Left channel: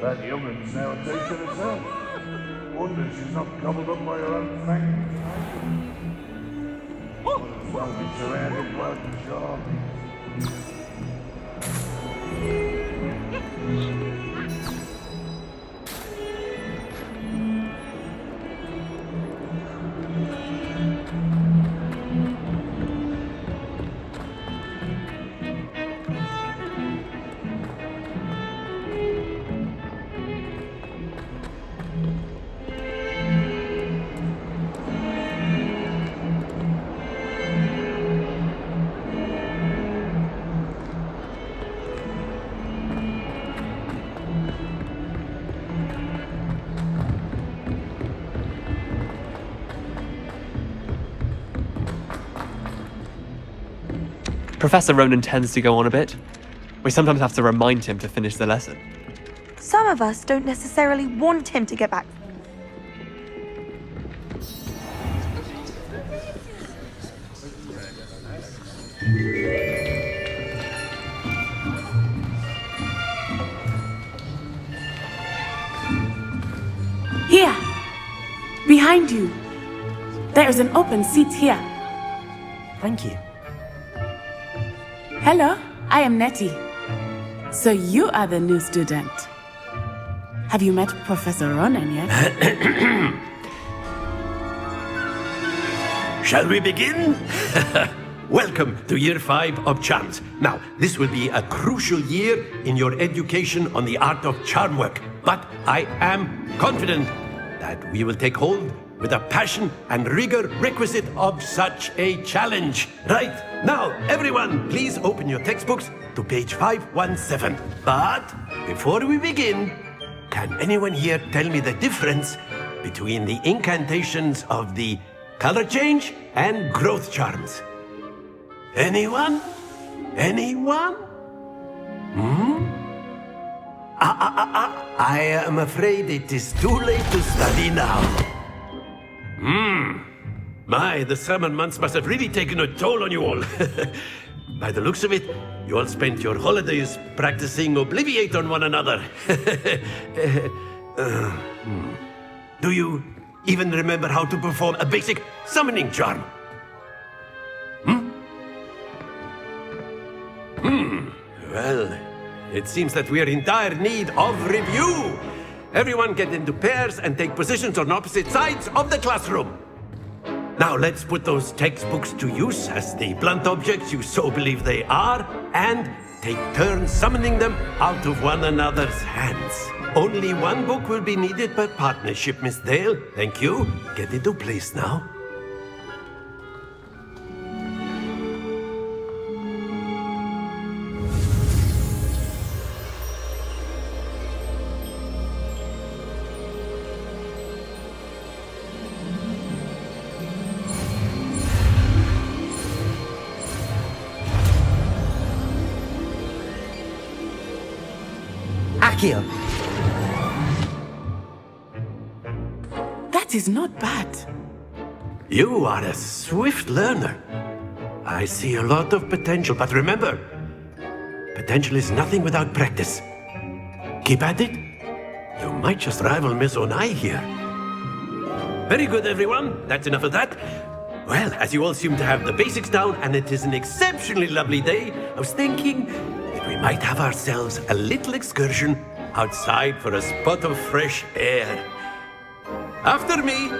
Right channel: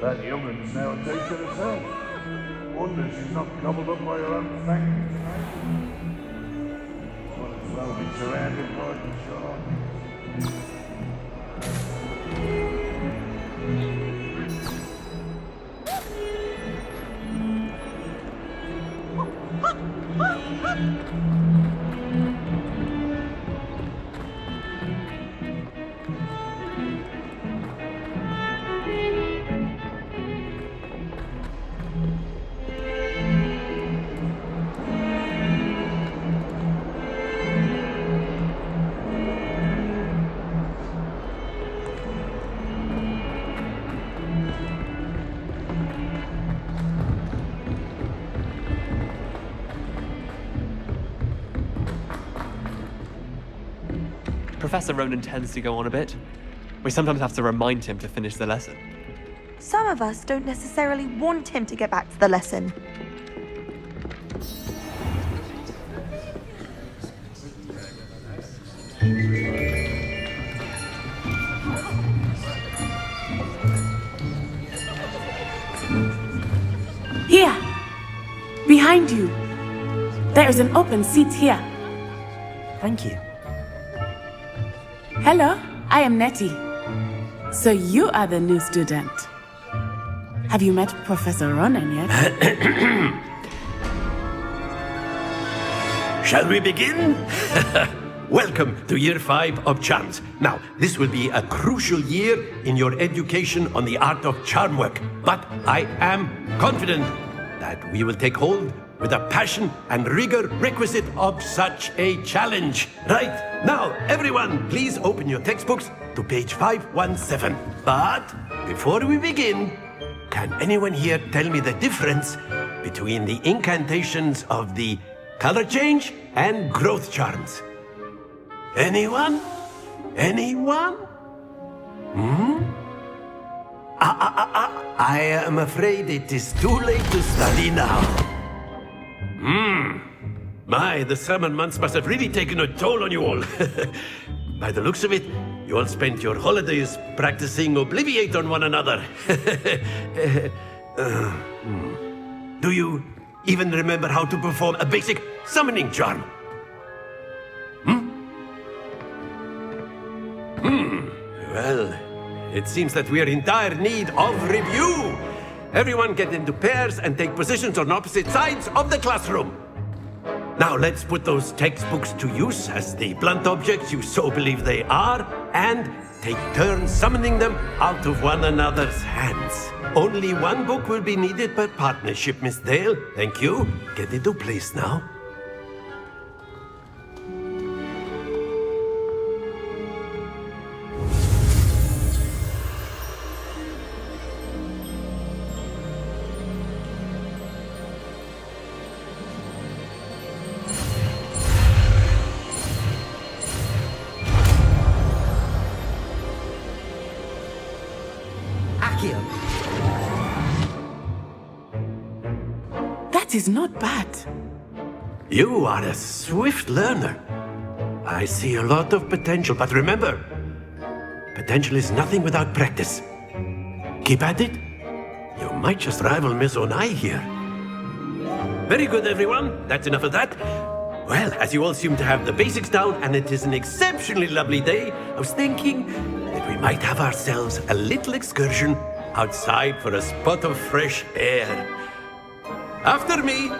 That young'un's now a teacher herself. Wonder she's not gobbled up by her own fangs. Might as well be surrounded by the sharks. Professor Ronan tends to go on a bit. We sometimes have to remind him to finish the lesson. Some of us don't necessarily want him to get back to the lesson. Here! Behind you! There is an open seat here. Thank you. Hello, I am Nettie. So you are the new student. Have you met Professor Ronan yet? Shall we begin? Welcome to Year 5 of Charms. Now, this will be a crucial year in your education on the art of charm work. But I am confident that we will take hold with the passion and rigor requisite of such a challenge. Right, now, everyone, please open your textbooks to page 517. But before we begin, can anyone here tell me the difference between the incantations of the color change and growth charms? Anyone? Anyone? I am afraid it is too late to study now. My, the summer months must have really taken a toll on you all. By the looks of it, you all spent your holidays practicing Obliviate on one another. Do you even remember how to perform a basic summoning charm? Well, it seems that we are in dire need of review. Everyone get into pairs and take positions on opposite sides of the classroom. Now let's put those textbooks to use as the blunt objects you so believe they are, and take turns summoning them out of one another's hands. Only one book will be needed per partnership, Miss Dale. Thank you. Get into place now. Akio. That is not bad. You are a swift learner. I see a lot of potential, but remember, potential is nothing without practice. Keep at it. You might just rival Miss Onai here. Very good, everyone. That's enough of that. Well, as you all seem to have the basics down, and it is an exceptionally lovely day, I was thinking that we might have ourselves a little excursion outside for a spot of fresh air. After me.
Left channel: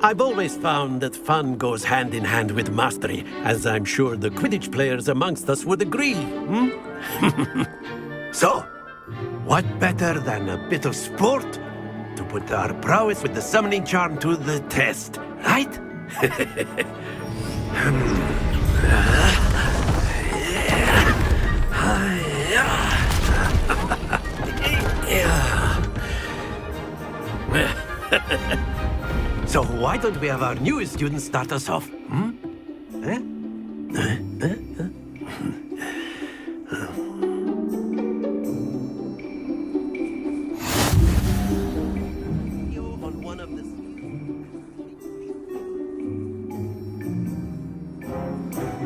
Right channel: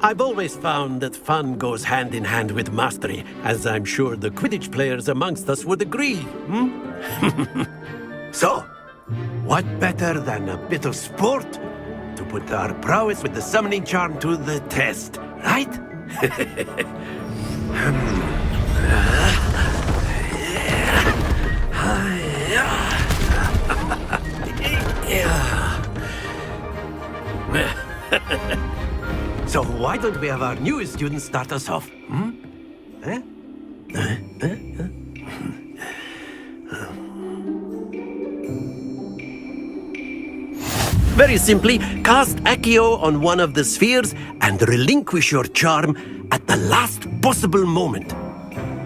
I've always found that fun goes hand in hand with mastery, as I'm sure the Quidditch players amongst us would agree, So, what better than a bit of sport to put our prowess with the summoning charm to the test, right? So why don't we have our newest student start us off? Very simply, cast Accio on one of the spheres and relinquish your charm at the last possible moment.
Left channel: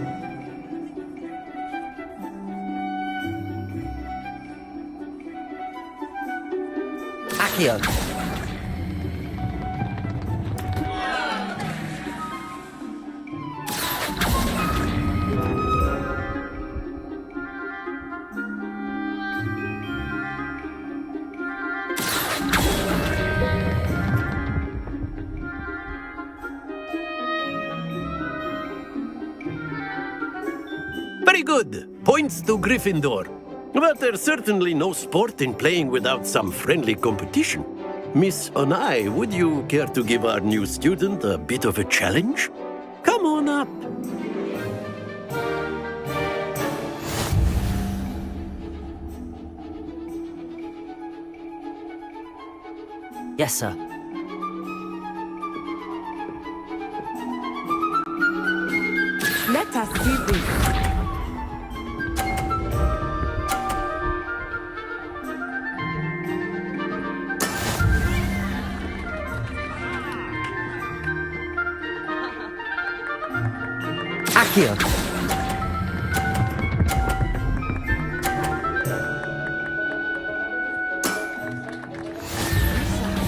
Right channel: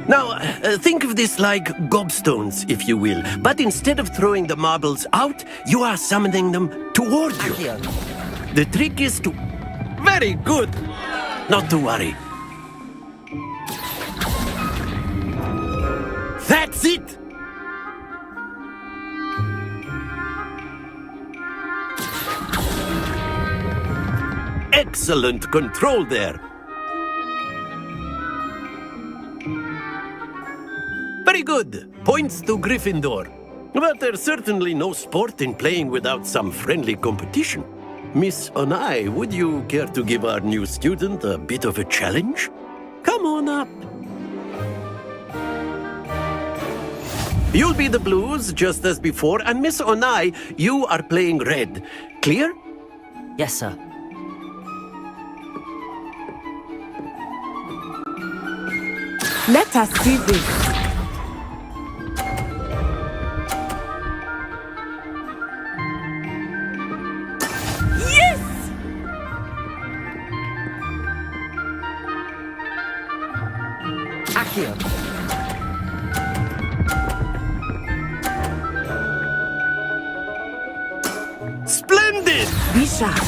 Now, think of this like gobstones, if you will. But instead of throwing the marbles out, you are summoning them towards Accio. The trick is to... Very good! Not to worry. That's it! Excellent control there. Very good. Points to Gryffindor. But there's certainly no sport in playing without some friendly competition. Miss Onai, would you care to give our new student a bit of a challenge? Come on up. You'll be the blues, just as before, and Miss Onai, you are playing red. Clear? Yes, sir. Let us see this. Accio. Splendid! Be sharp.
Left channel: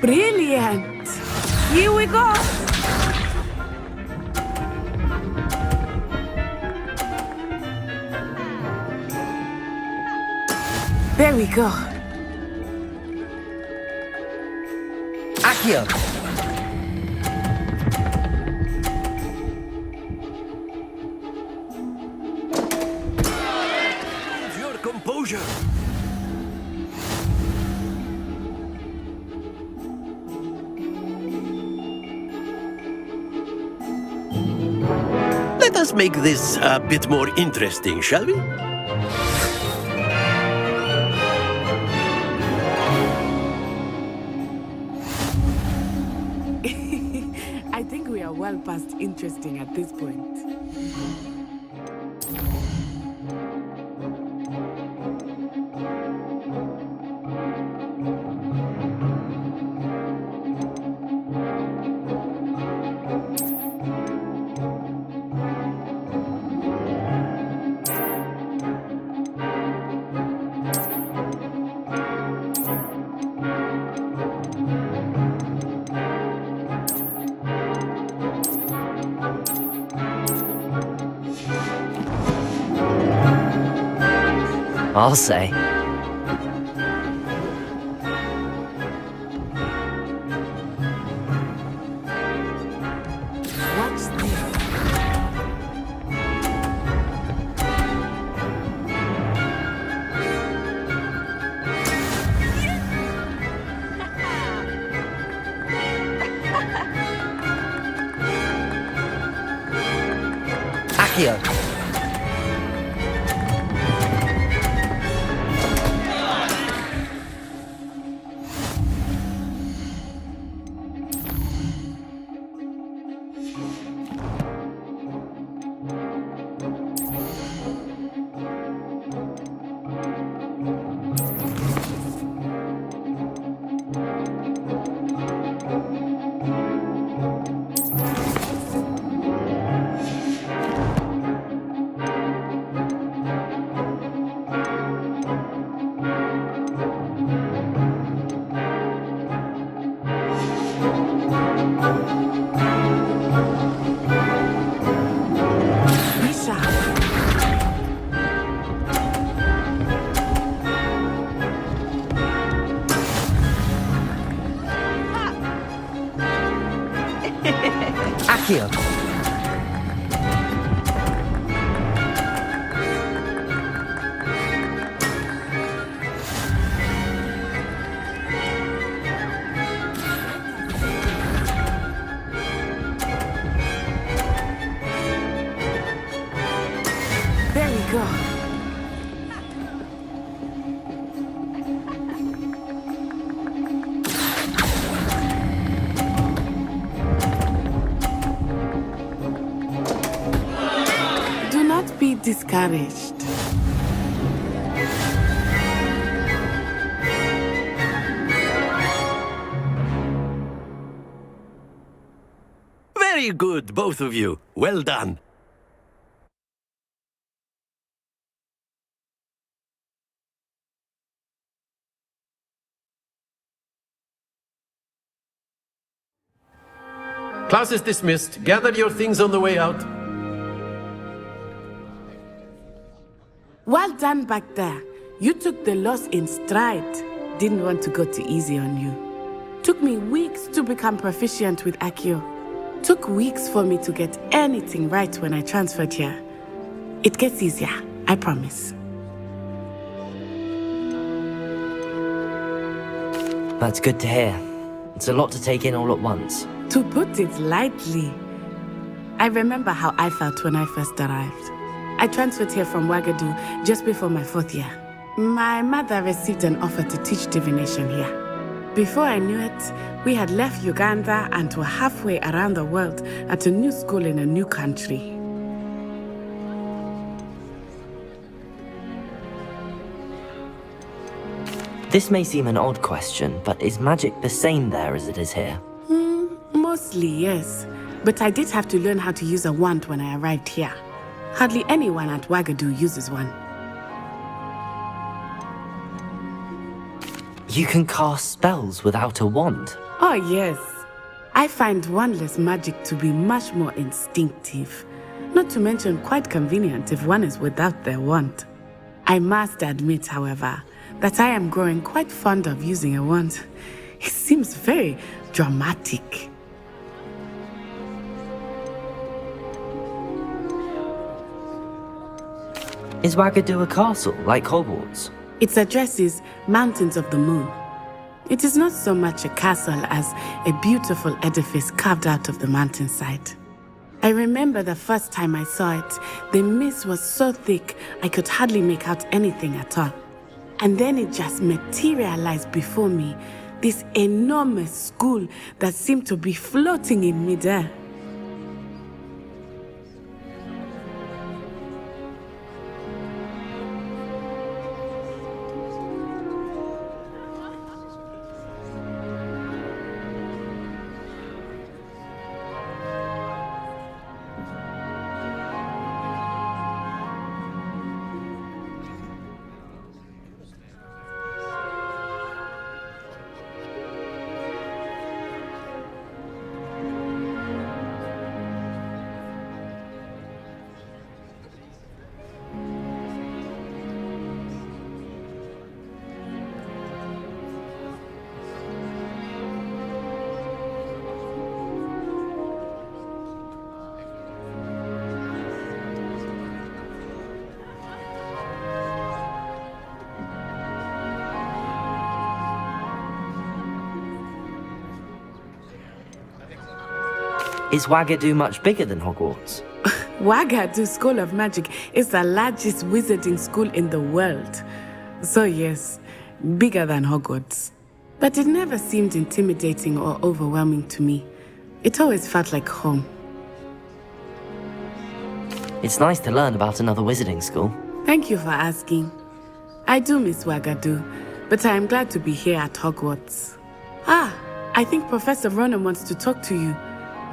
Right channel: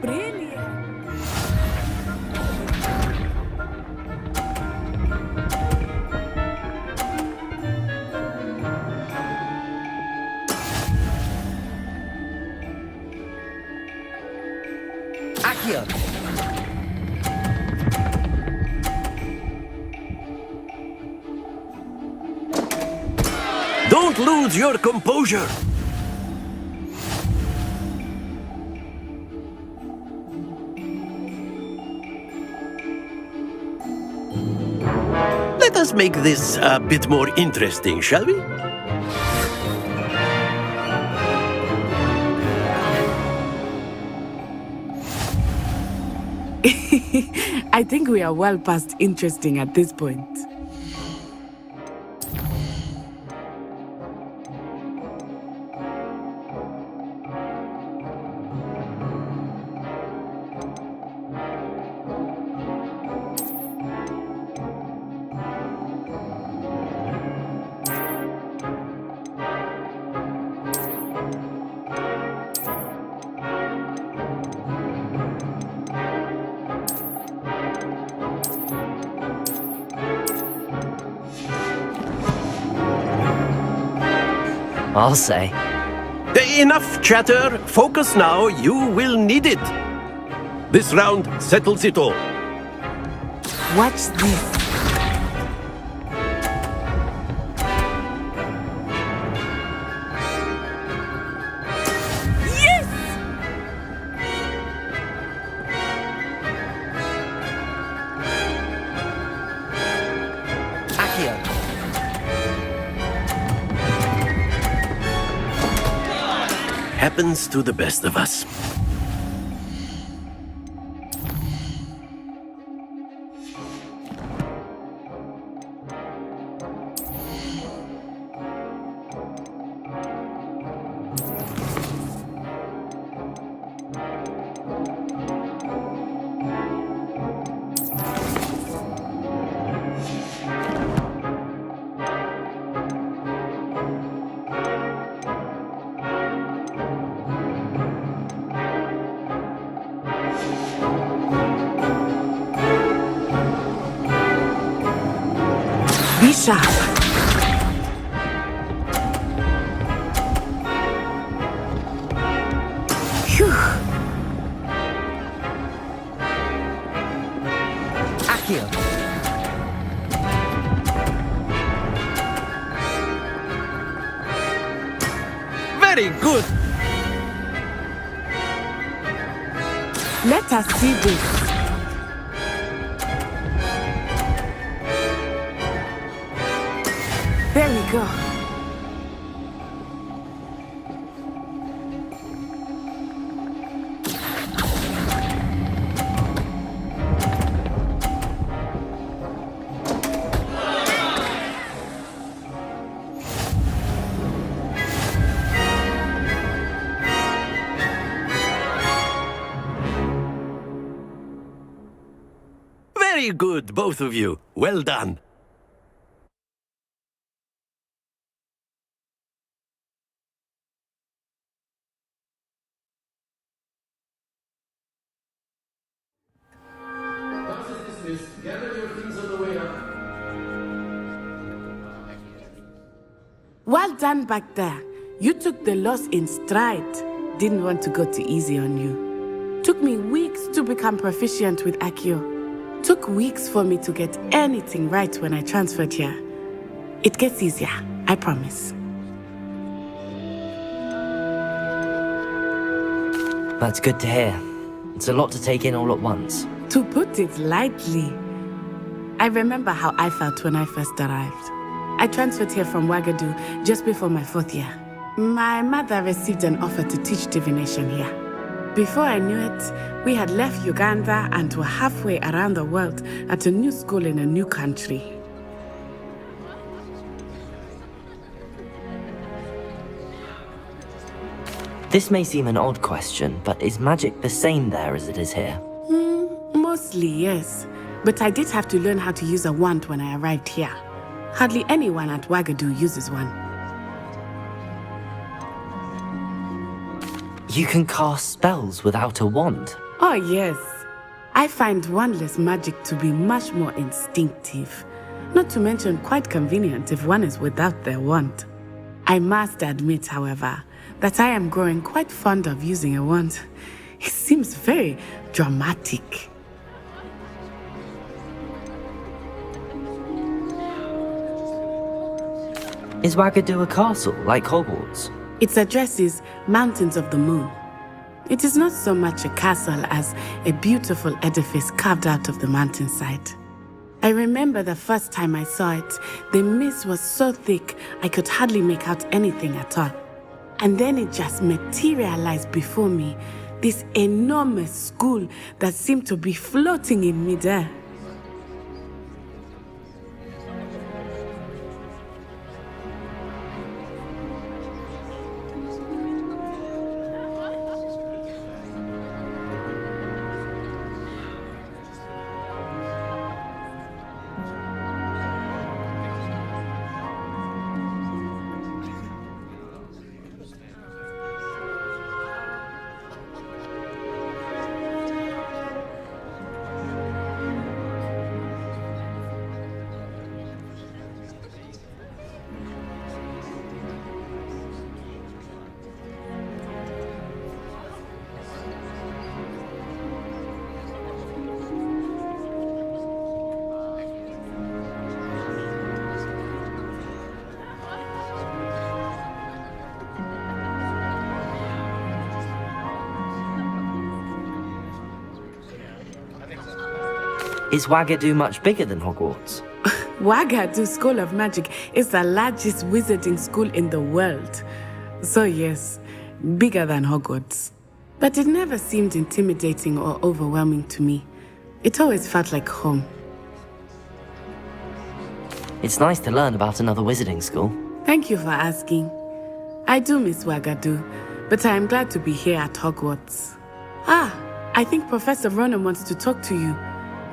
Brilliant! Here we go! There we go. Accio. Don't lose your composure. Let us make this a bit more interesting, shall we? I think we are well past interesting at this point. I'll say. Enough chatter. Focus now. You will need it. This round settles it all. Watch this. Accio. Happens to the best of us. Be sharp. Accio. Very good. Let us see this. There we go. discouraged. Very good, both of you. Well done. Class is dismissed. Gather your things on the way out. Well done back there. You took the loss in stride. Didn't want to go too easy on you. Took me weeks to become proficient with Accio. Took weeks for me to get anything right when I transferred here. It gets easier, I promise. That's good to hear. It's a lot to take in all at once. To put it lightly, I remember how I felt when I first arrived. I transferred here from Ouagadougou just before my 4th year. My mother received an offer to teach divination here. Before I knew it, we had left Uganda and were halfway around the world at a new school in a new country. This may seem an odd question, but is magic the same there as it is here? Mostly, yes. But I did have to learn how to use a wand when I arrived here. Hardly anyone at Ouagadougou uses one. You can cast spells without a wand. Oh, yes. I find wandless magic to be much more instinctive. Not to mention quite convenient if one is without their wand. I must admit, however, that I am growing quite fond of using a wand. It seems very dramatic. Is Ouagadougou a castle, like Hogwarts? Its address is Mountains of the Moon. It is not so much a castle as a beautiful edifice carved out of the mountainside. I remember the first time I saw it, the mist was so thick I could hardly make out anything at all. And then it just materialized before me, this enormous school that seemed to be floating in midair. Is Ouagadougou much bigger than Hogwarts? Ouagadougou School of Magic is the largest wizarding school in the world. So yes, bigger than Hogwarts. But it never seemed intimidating or overwhelming to me. It always felt like home. It's nice to learn about another wizarding school. Thank you for asking. I do miss Ouagadougou, but I am glad to be here at Hogwarts. Ah, I think Professor Ronan wants to talk to you.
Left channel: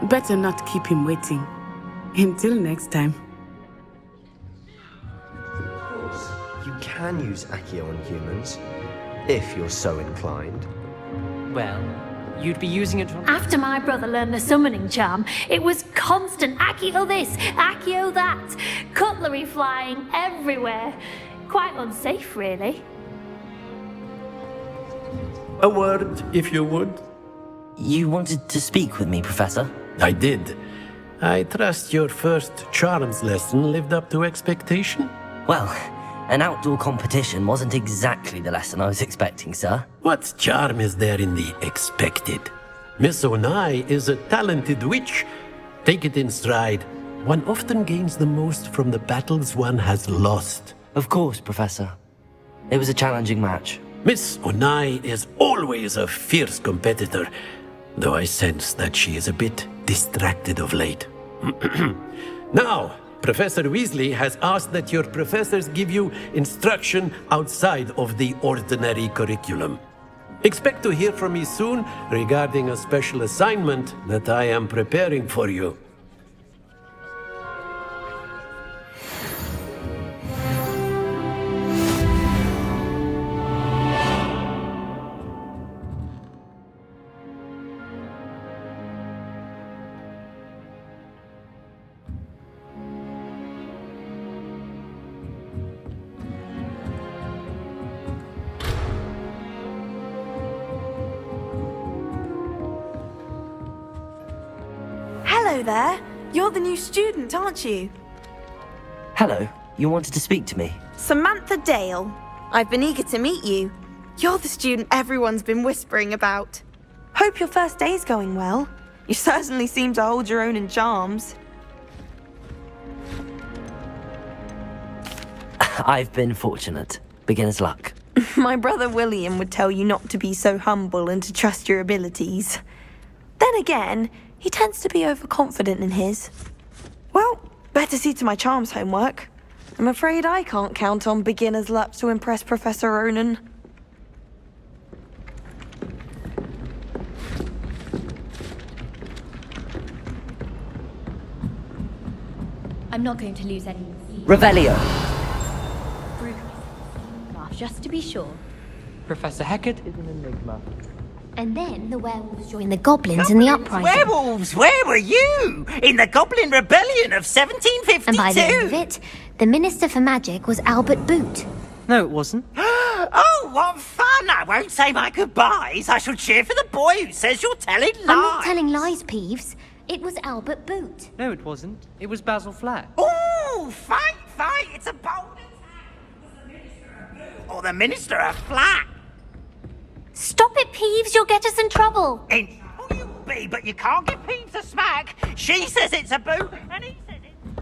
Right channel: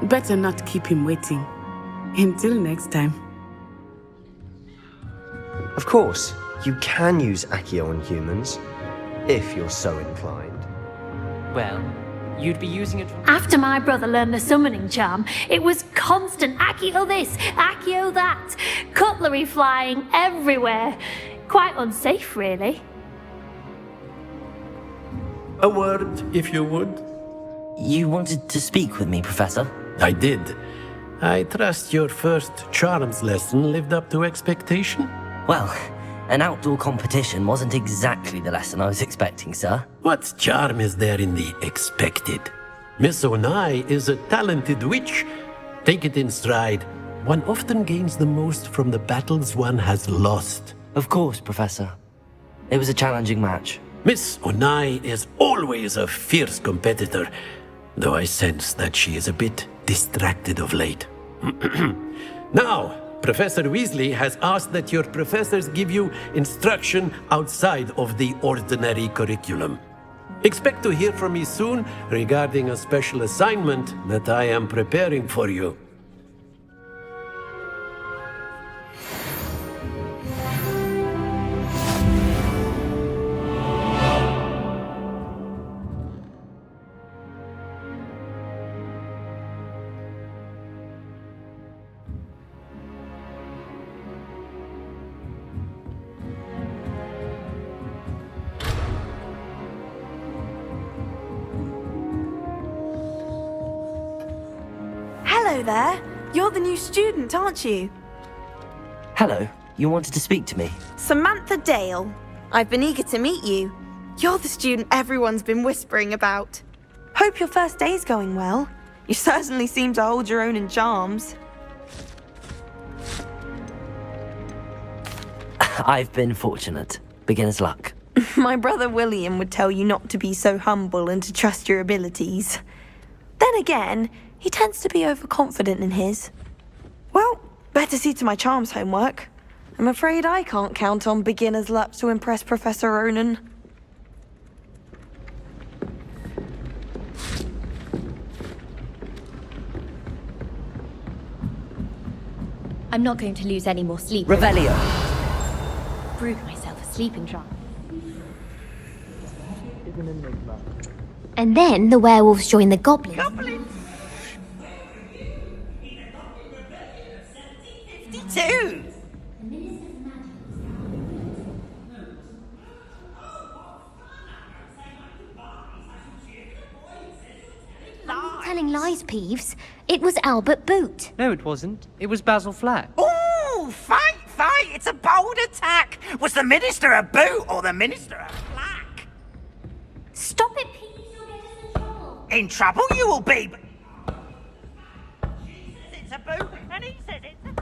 Better not keep him waiting. Until next time. Of course, you can use Accio on humans, if you're so inclined. Well, you'd be using it on... After my brother learned the summoning charm, it was constant Accio this, Accio that, cutlery flying everywhere. Quite unsafe, really. A word, if you would. You wanted to speak with me, Professor? I did. I trust your first charms lesson lived up to expectation? Well, an outdoor competition wasn't exactly the lesson I was expecting, sir. What charm is there in the expected? Miss Onai is a talented witch. Take it in stride. One often gains the most from the battles one has lost. Of course, Professor. It was a challenging match. Miss Onai is always a fierce competitor, though I sense that she is a bit distracted of late. Now, Professor Weasley has asked that your professors give you instruction outside of the ordinary curriculum. Expect to hear from me soon regarding a special assignment that I am preparing for you. Hello there. You're the new student, aren't you? Hello, you wanted to speak to me? Samantha Dale. I've been eager to meet you. You're the student everyone's been whispering about. Hope your first day's going well. You certainly seem to hold your own in charms. I've been fortunate. Beginner's luck. My brother William would tell you not to be so humble and to trust your abilities. Then again, he tends to be overconfident in his. Well, better see to my charms homework. I'm afraid I can't count on beginner's luck to impress Professor Ronan. I'm not going to lose any more sleep. Revelio! Brewed myself a sleeping draft just to be sure. Professor Hecat is an enigma. And then the werewolves joined the goblins in the uprising. Werewolves, where were you? In the Goblin Rebellion of 1752? And by the end of it, the Minister for Magic was Albert Boot. No, it wasn't. Oh, what fun! I won't say my goodbyes. I shall cheer for the boy who says you're telling lies. I'm not telling lies, Peeves. It was Albert Boot. No, it wasn't. It was Basil Flack. Ooh, fight! It's a bold attack. Was the Minister a boot or the Minister a flack? Stop it, Peeves. You'll get us in trouble. In trouble you will be, but you can't give Peeves a smack. She says it's a boot, and he says it's a...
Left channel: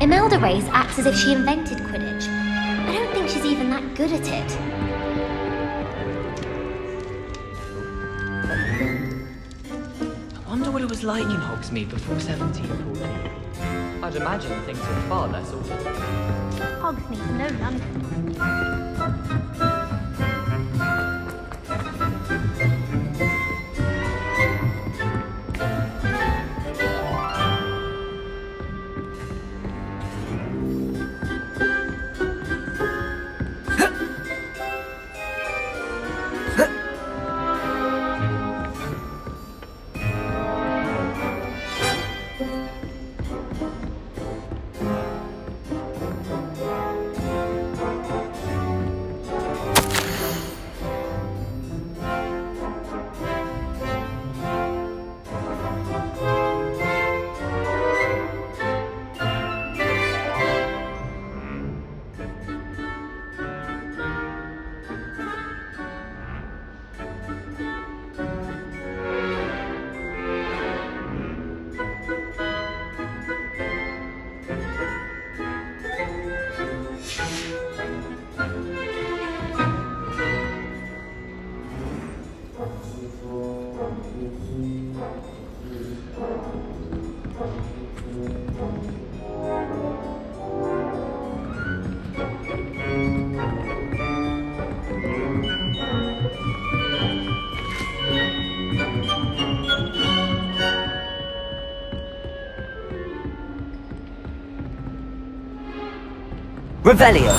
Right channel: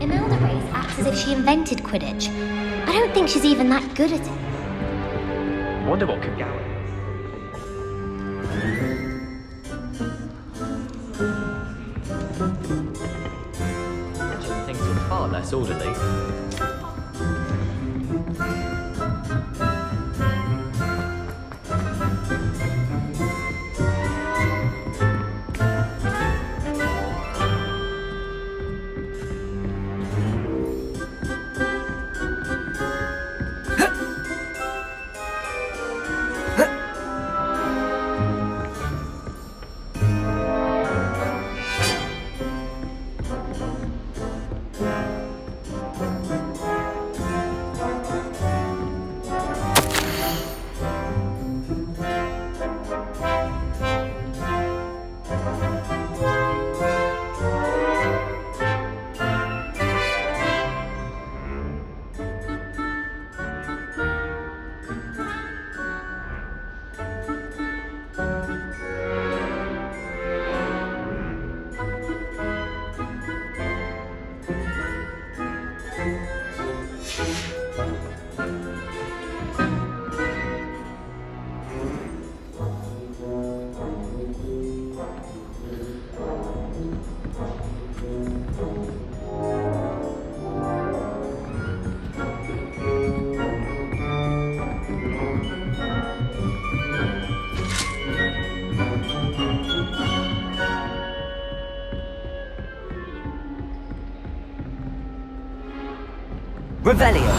Imelda Reyes acts as if she invented Quidditch. I don't think she's even that good at it. Wonder what could I wonder what it was like in Hogsmeade before 1740. I'd imagine things were far less orderly. Hogsmeade, no London. Revelio!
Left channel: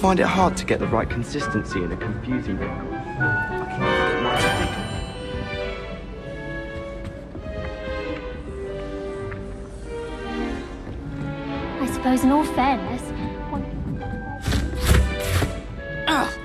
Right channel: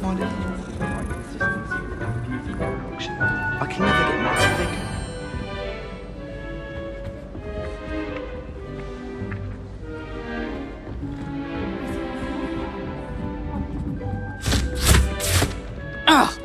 find it hard to get the right consistency in a confusing concoction? I can never get mine to thicken. I suppose in all fairness, one can... Ugh!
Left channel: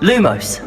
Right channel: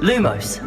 Lumos.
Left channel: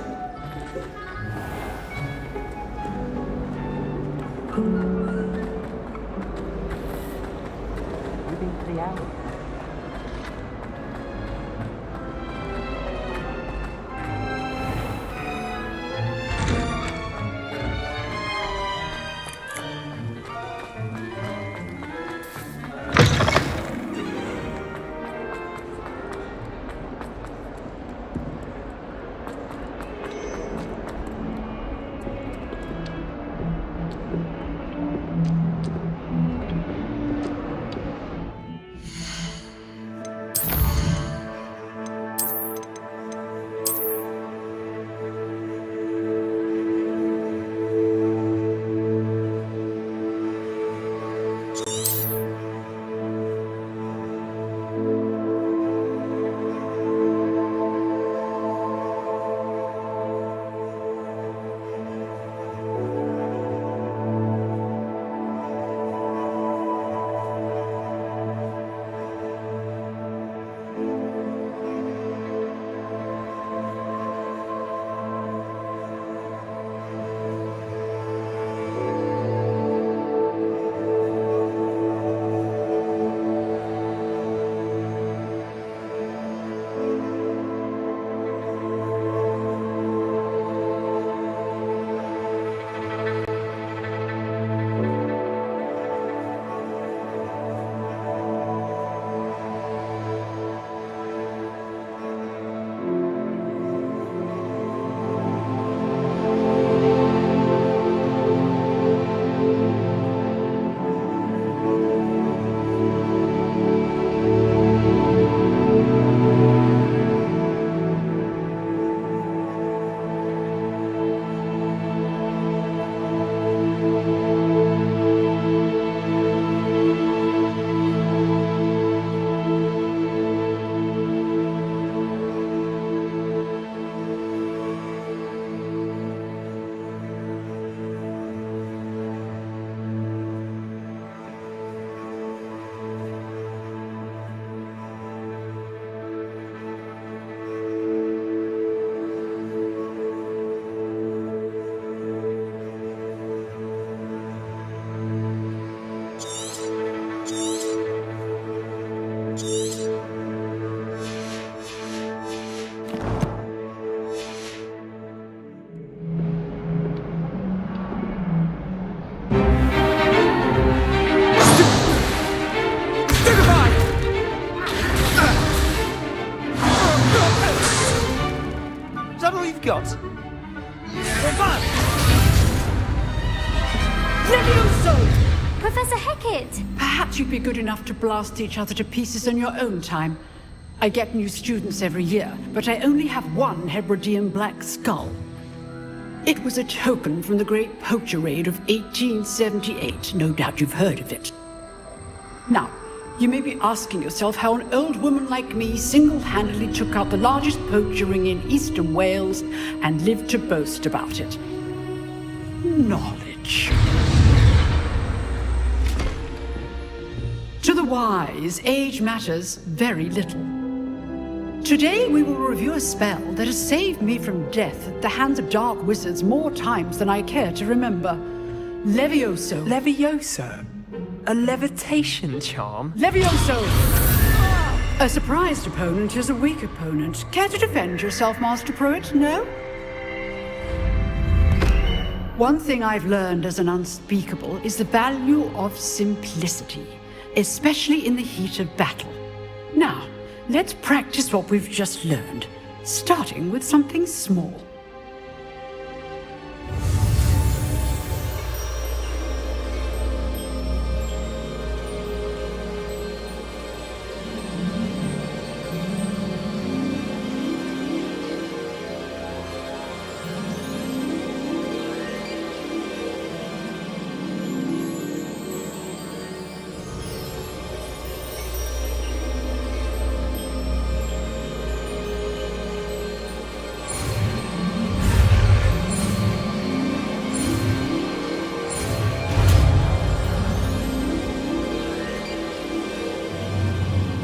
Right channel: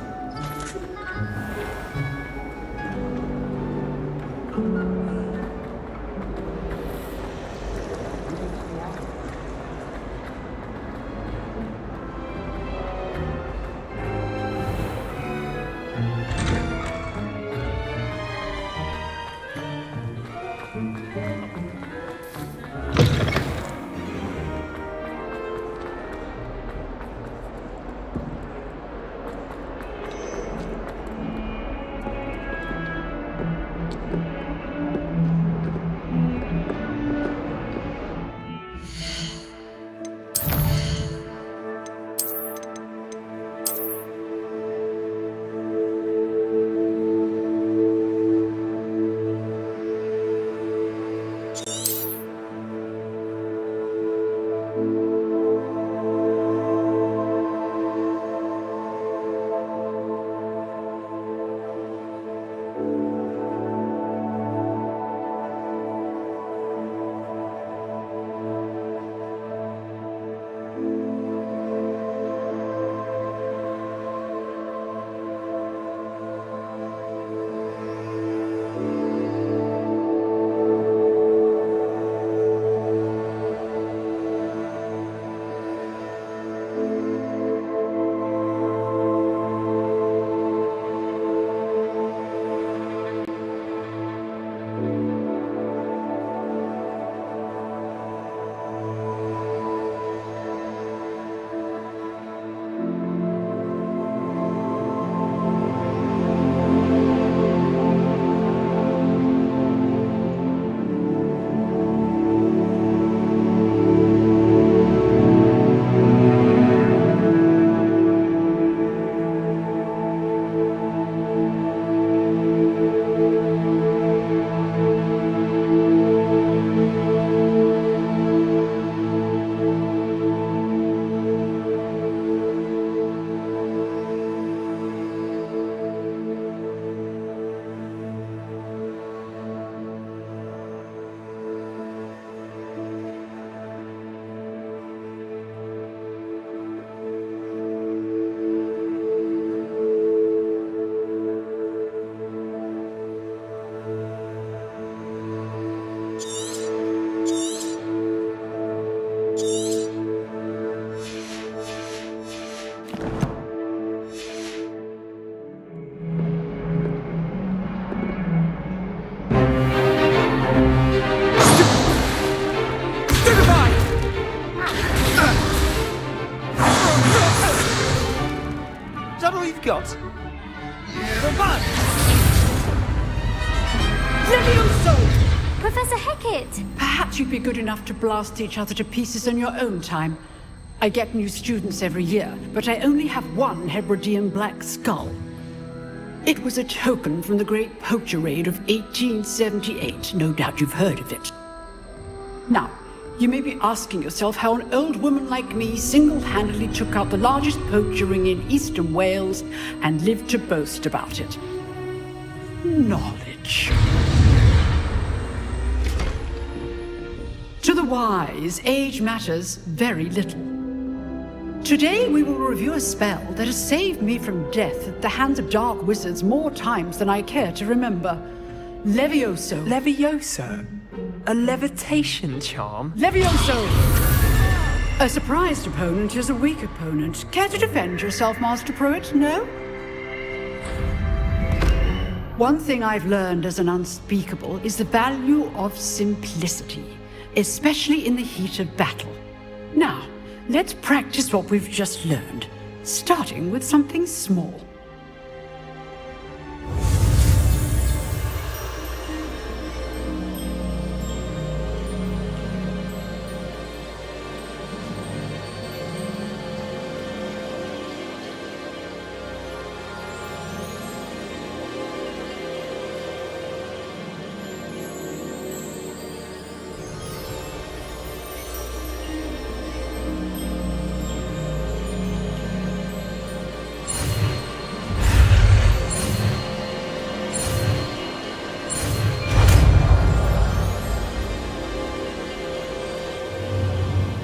got? Levioso! Professor Hecat! Perhaps you'd be good enough to blast each other to pieces on your own time. I get new students every year, but I only have one Hebridean black skull. It was a token from the Great Poacher Raid of 1878. No doubt you've heard of it. Now, you may be asking yourself how an old woman like me single-handedly took out the largest poacher ring in eastern Wales and lived to boast about it. Knowledge. To the wise, age matters very little. Today we will review a spell that has saved me from death at the hands of dark wizards more times than I care to remember. Levioso. Levioso? A levitation charm? Levioso! A surprised opponent is a weak opponent. Care to defend yourself, Master Pruitt? No? One thing I've learned as an unspeakable is the value of simplicity, especially in the heat of battle. Now, let's practice what we've just learned, starting with something small.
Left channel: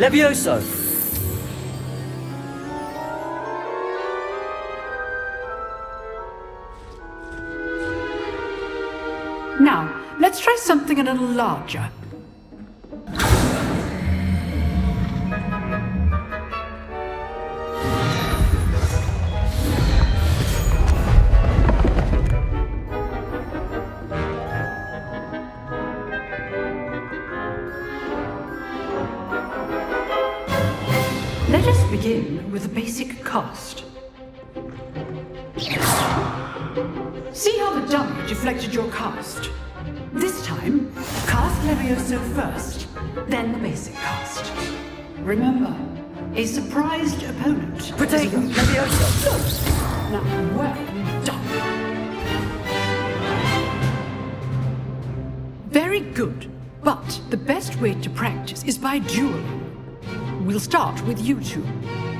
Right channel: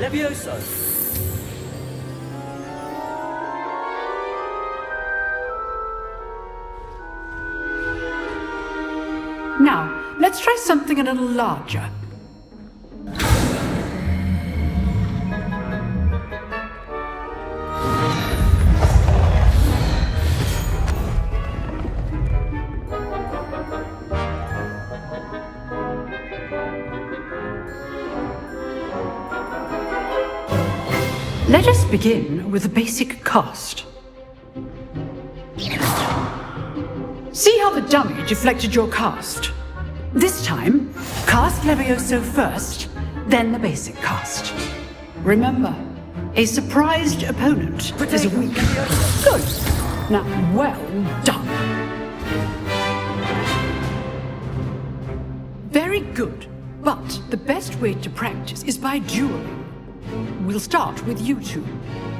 Levioso! let's try something a little larger. Let us begin with a basic cast. See how the dummy deflected your cast? This time, cast Levioso first, then the basic cast. Remember, a surprised opponent is a weak Levioso. Good. Now, well done. Very good. But the best way to practice is by dueling. We'll start with you two.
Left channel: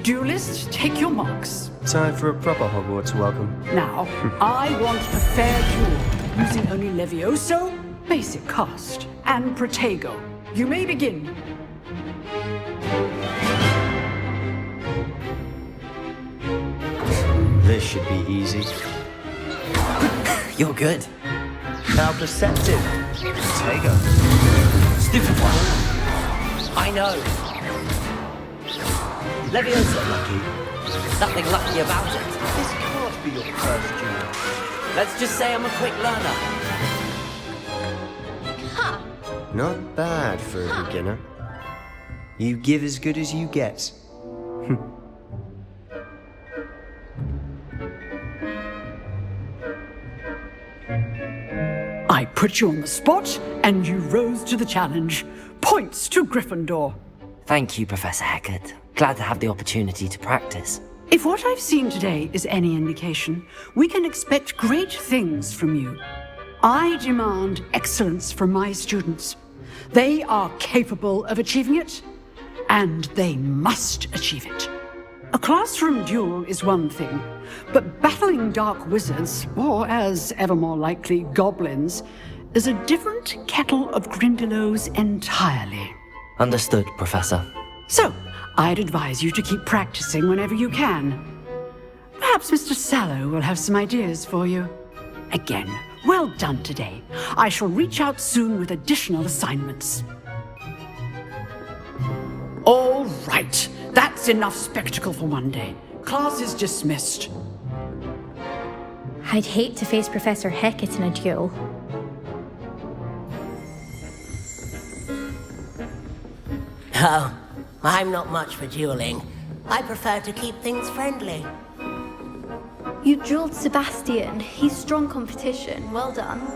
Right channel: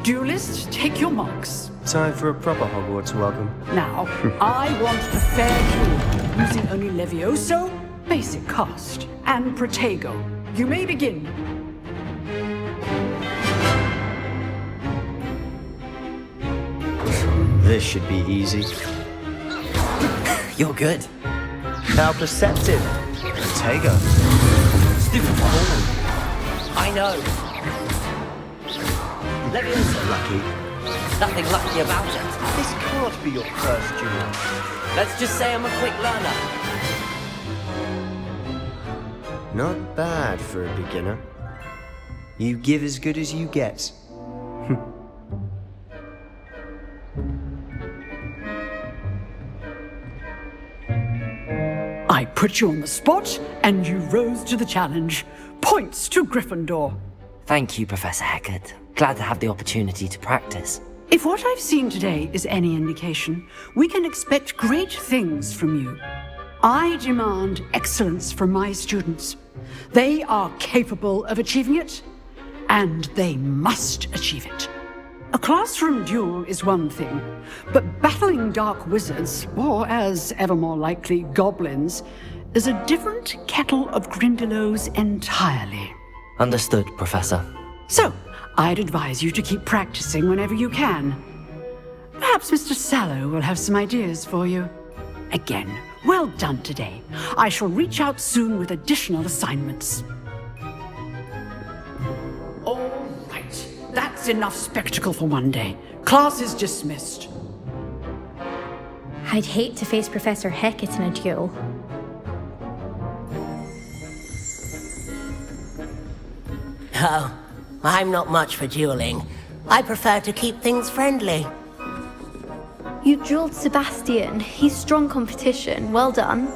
Duelists, take your marks. Time for a proper Hogwarts welcome. Now, I want a fair duel, using only Levioso, basic cast, and Protego. You may begin. This should be easy. You're good. How perceptive. Protego. Stupid one. I know. Levioso. Lucky. Nothing lucky about it. This can't be your first duel. Let's just say I'm a quick learner. Not bad for a beginner. You give as good as you get. I put you on the spot, and you rose to the challenge. Points to Gryffindor. Thank you, Professor Hecat. Glad to have the opportunity to practice. If what I've seen today is any indication, we can expect great things from you. I demand excellence from my students. They are capable of achieving it, and they must achieve it. A classroom duel is one thing, but battling dark wizards, or as ever more likely, goblins, is a different kettle of Grindylows entirely. Understood, Professor. So, I'd advise you to keep practicing whenever you can. Perhaps Mr. Sallow will have some ideas for you. Again, well done today. I shall reach out soon with additional assignments. All right. That's enough spectacle for one day. Class is dismissed. I'd hate to face Professor Hecat in a duel. Oh, I'm not much for dueling. I prefer to keep things friendly. You dueled Sebastian. He's strong competition. Well done.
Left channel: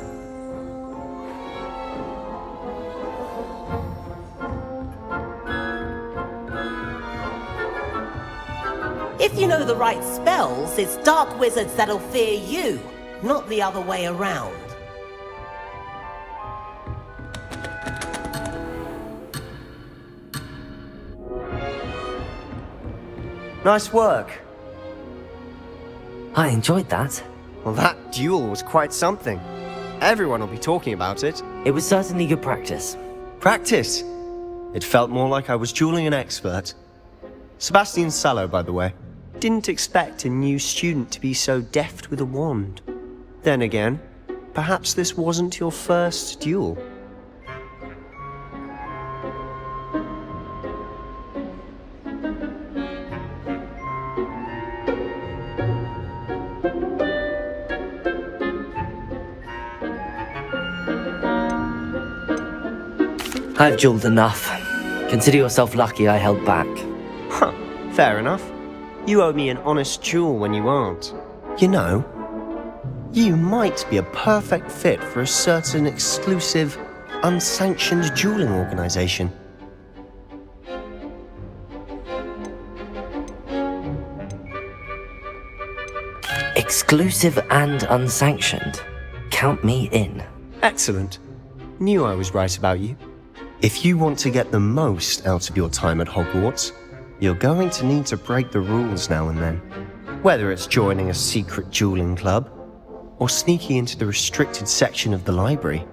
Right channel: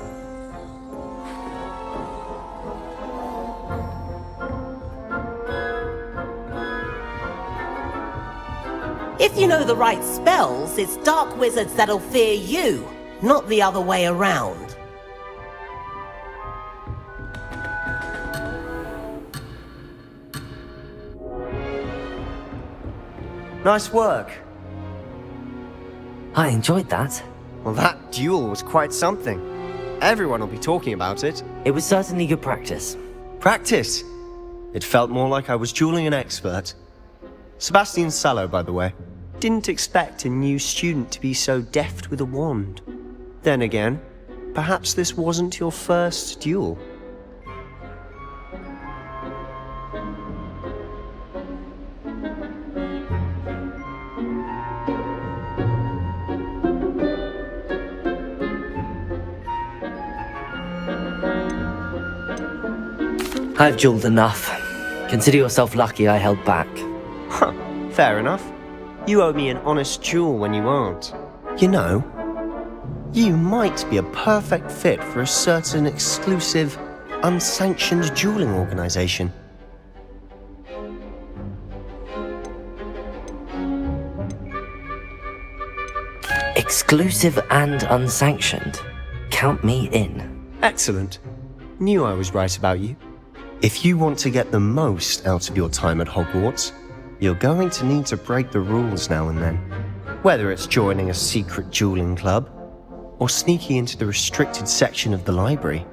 If you know the right spells, it's dark wizards that'll fear you, not the other way around. Nice work. I enjoyed that. Well, that duel was quite something. Everyone will be talking about it. It was certainly good practice. Practice? It felt more like I was dueling an expert. Sebastian Sallow, by the way. Didn't expect a new student to be so deft with a wand. Then again, perhaps this wasn't your first duel. I've dueled enough. Consider yourself lucky I held back. Huh, fair enough. You owe me an honest duel when you aren't. You know, you might be a perfect fit for a certain exclusive, unsanctioned dueling organization. Exclusive and unsanctioned. Count me in. Excellent. Knew I was right about you. If you want to get the most out of your time at Hogwarts, you're going to need to break the rules now and then. Whether it's joining a secret dueling club, or sneaking into the restricted section of the library,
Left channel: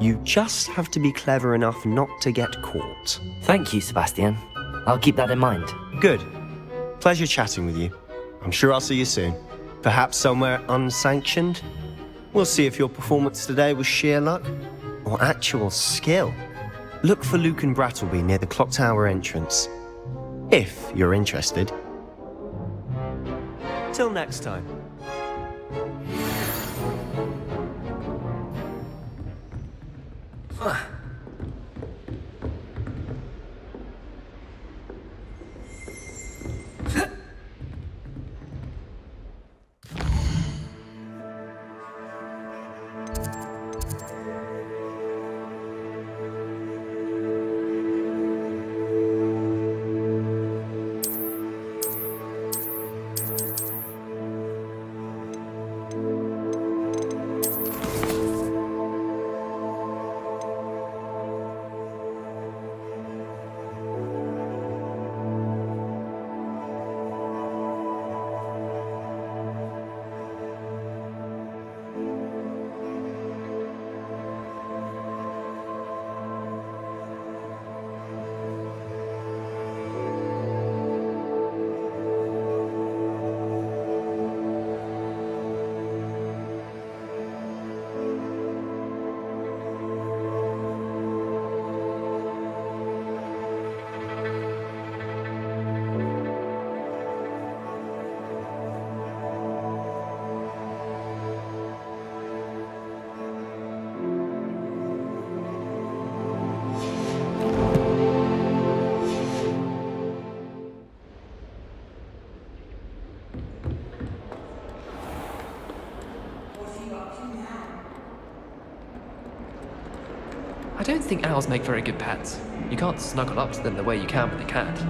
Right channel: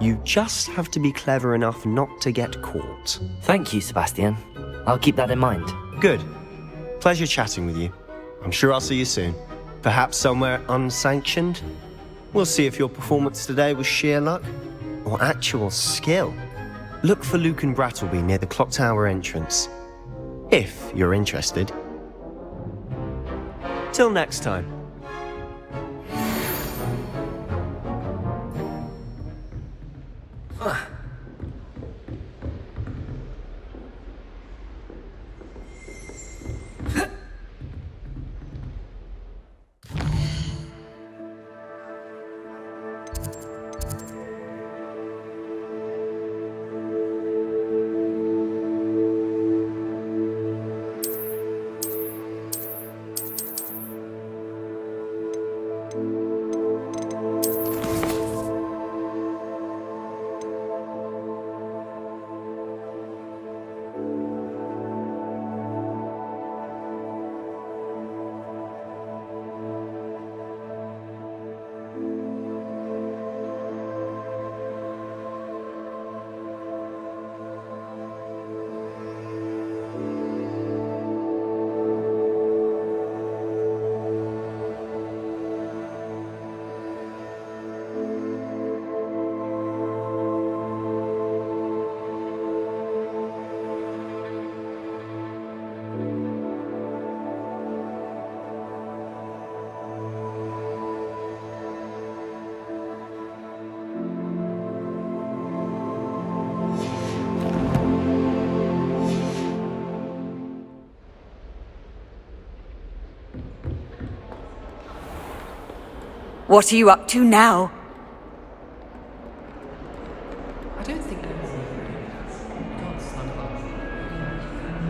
you just have to be clever enough not to get caught. Thank you, Sebastian. I'll keep that in mind. Good. Pleasure chatting with you. I'm sure I'll see you soon. Perhaps somewhere unsanctioned? We'll see if your performance today was sheer luck, or actual skill. Look for Luke and Brattleby near the clock tower entrance. If you're interested. Till next time. What are you up to now? I don't think owls make very good pets. You can't snuggle up to them the way you can with a cat.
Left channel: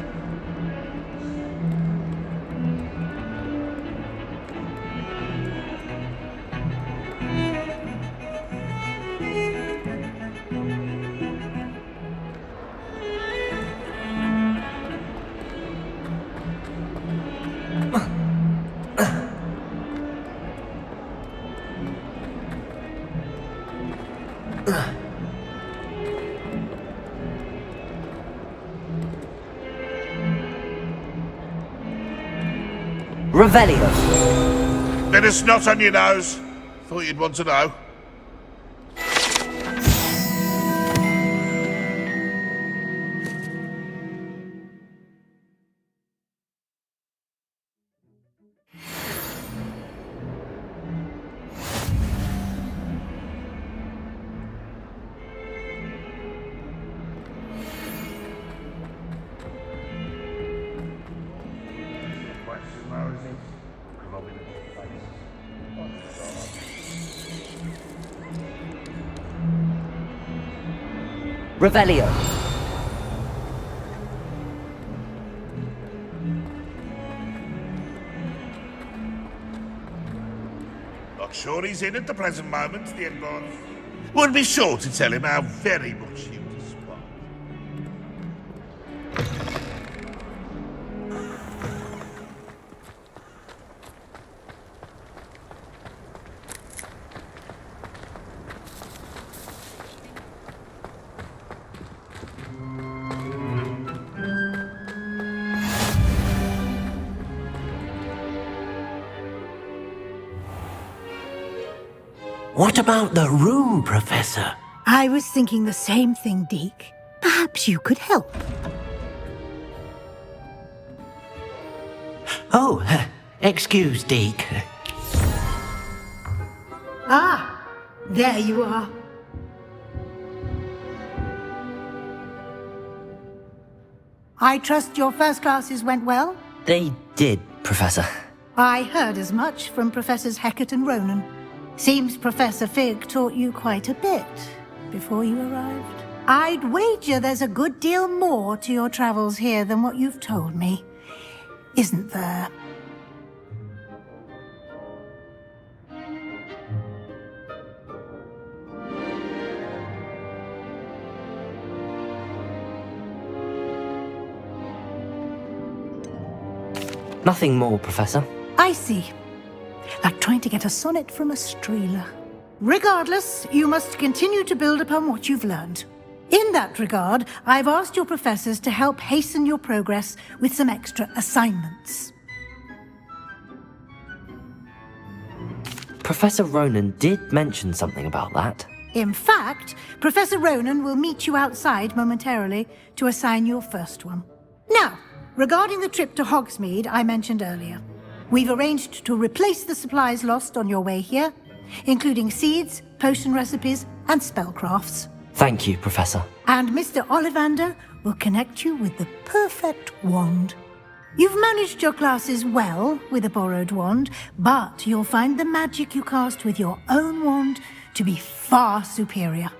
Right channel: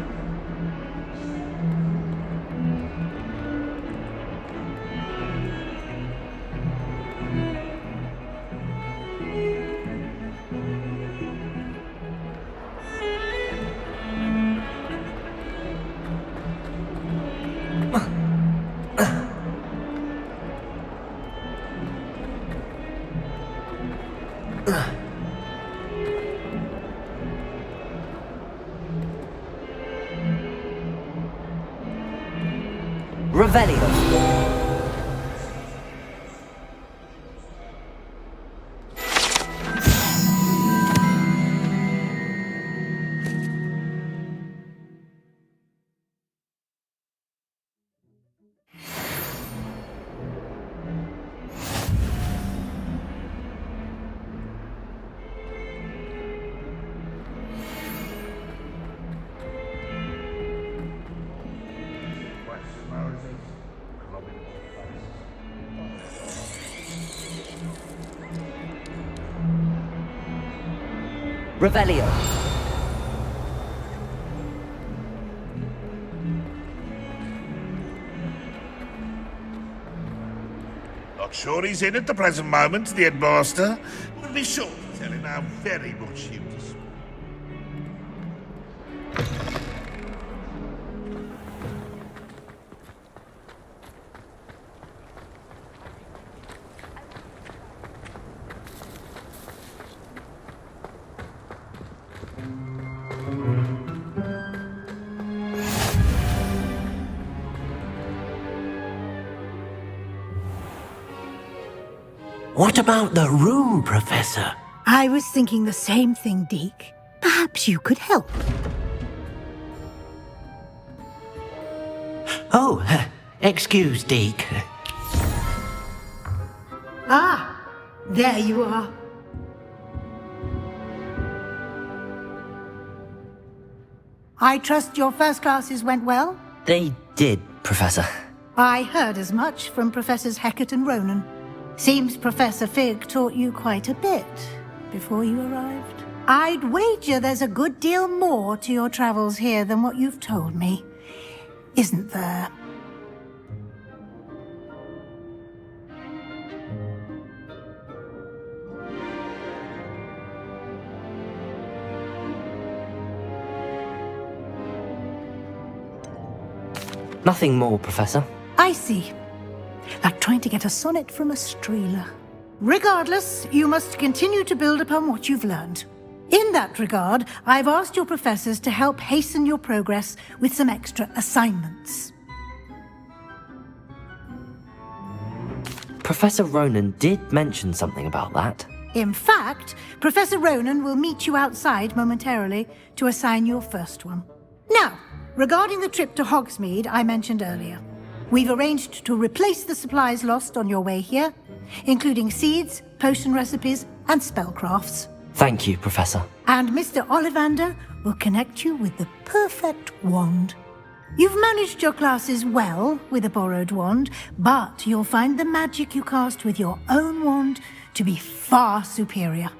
Revelio. Bit of snot on your nose. Thought you'd want to know. Revelio. Not sure he's in at the present moment, the headmaster. Would be sure to tell him how very much you despise. What about the room, Professor? I was thinking the same thing, Deke. Perhaps you could help. Oh, excuse, Deke. Ah, there you are. I trust your first classes went well? They did, Professor. I heard as much from Professors Hecat and Ronan. Seems Professor Fig taught you quite a bit before you arrived. I'd wager there's a good deal more to your travels here than what you've told me, isn't there? Nothing more, Professor. I see. Like trying to get a sonnet from a streeler. Regardless, you must continue to build upon what you've learned. In that regard, I've asked your professors to help hasten your progress with some extra assignments. Professor Ronan did mention something about that. In fact, Professor Ronan will meet you outside momentarily to assign your first one. Now, regarding the trip to Hogsmeade I mentioned earlier, we've arranged to replace the supplies lost on your way here, including seeds, potion recipes, and spellcrafts. Thank you, Professor. And Mr. Ollivander will connect you with the perfect wand. You've managed your classes well with a borrowed wand, but you'll find the magic you cast with your own wand to be far superior.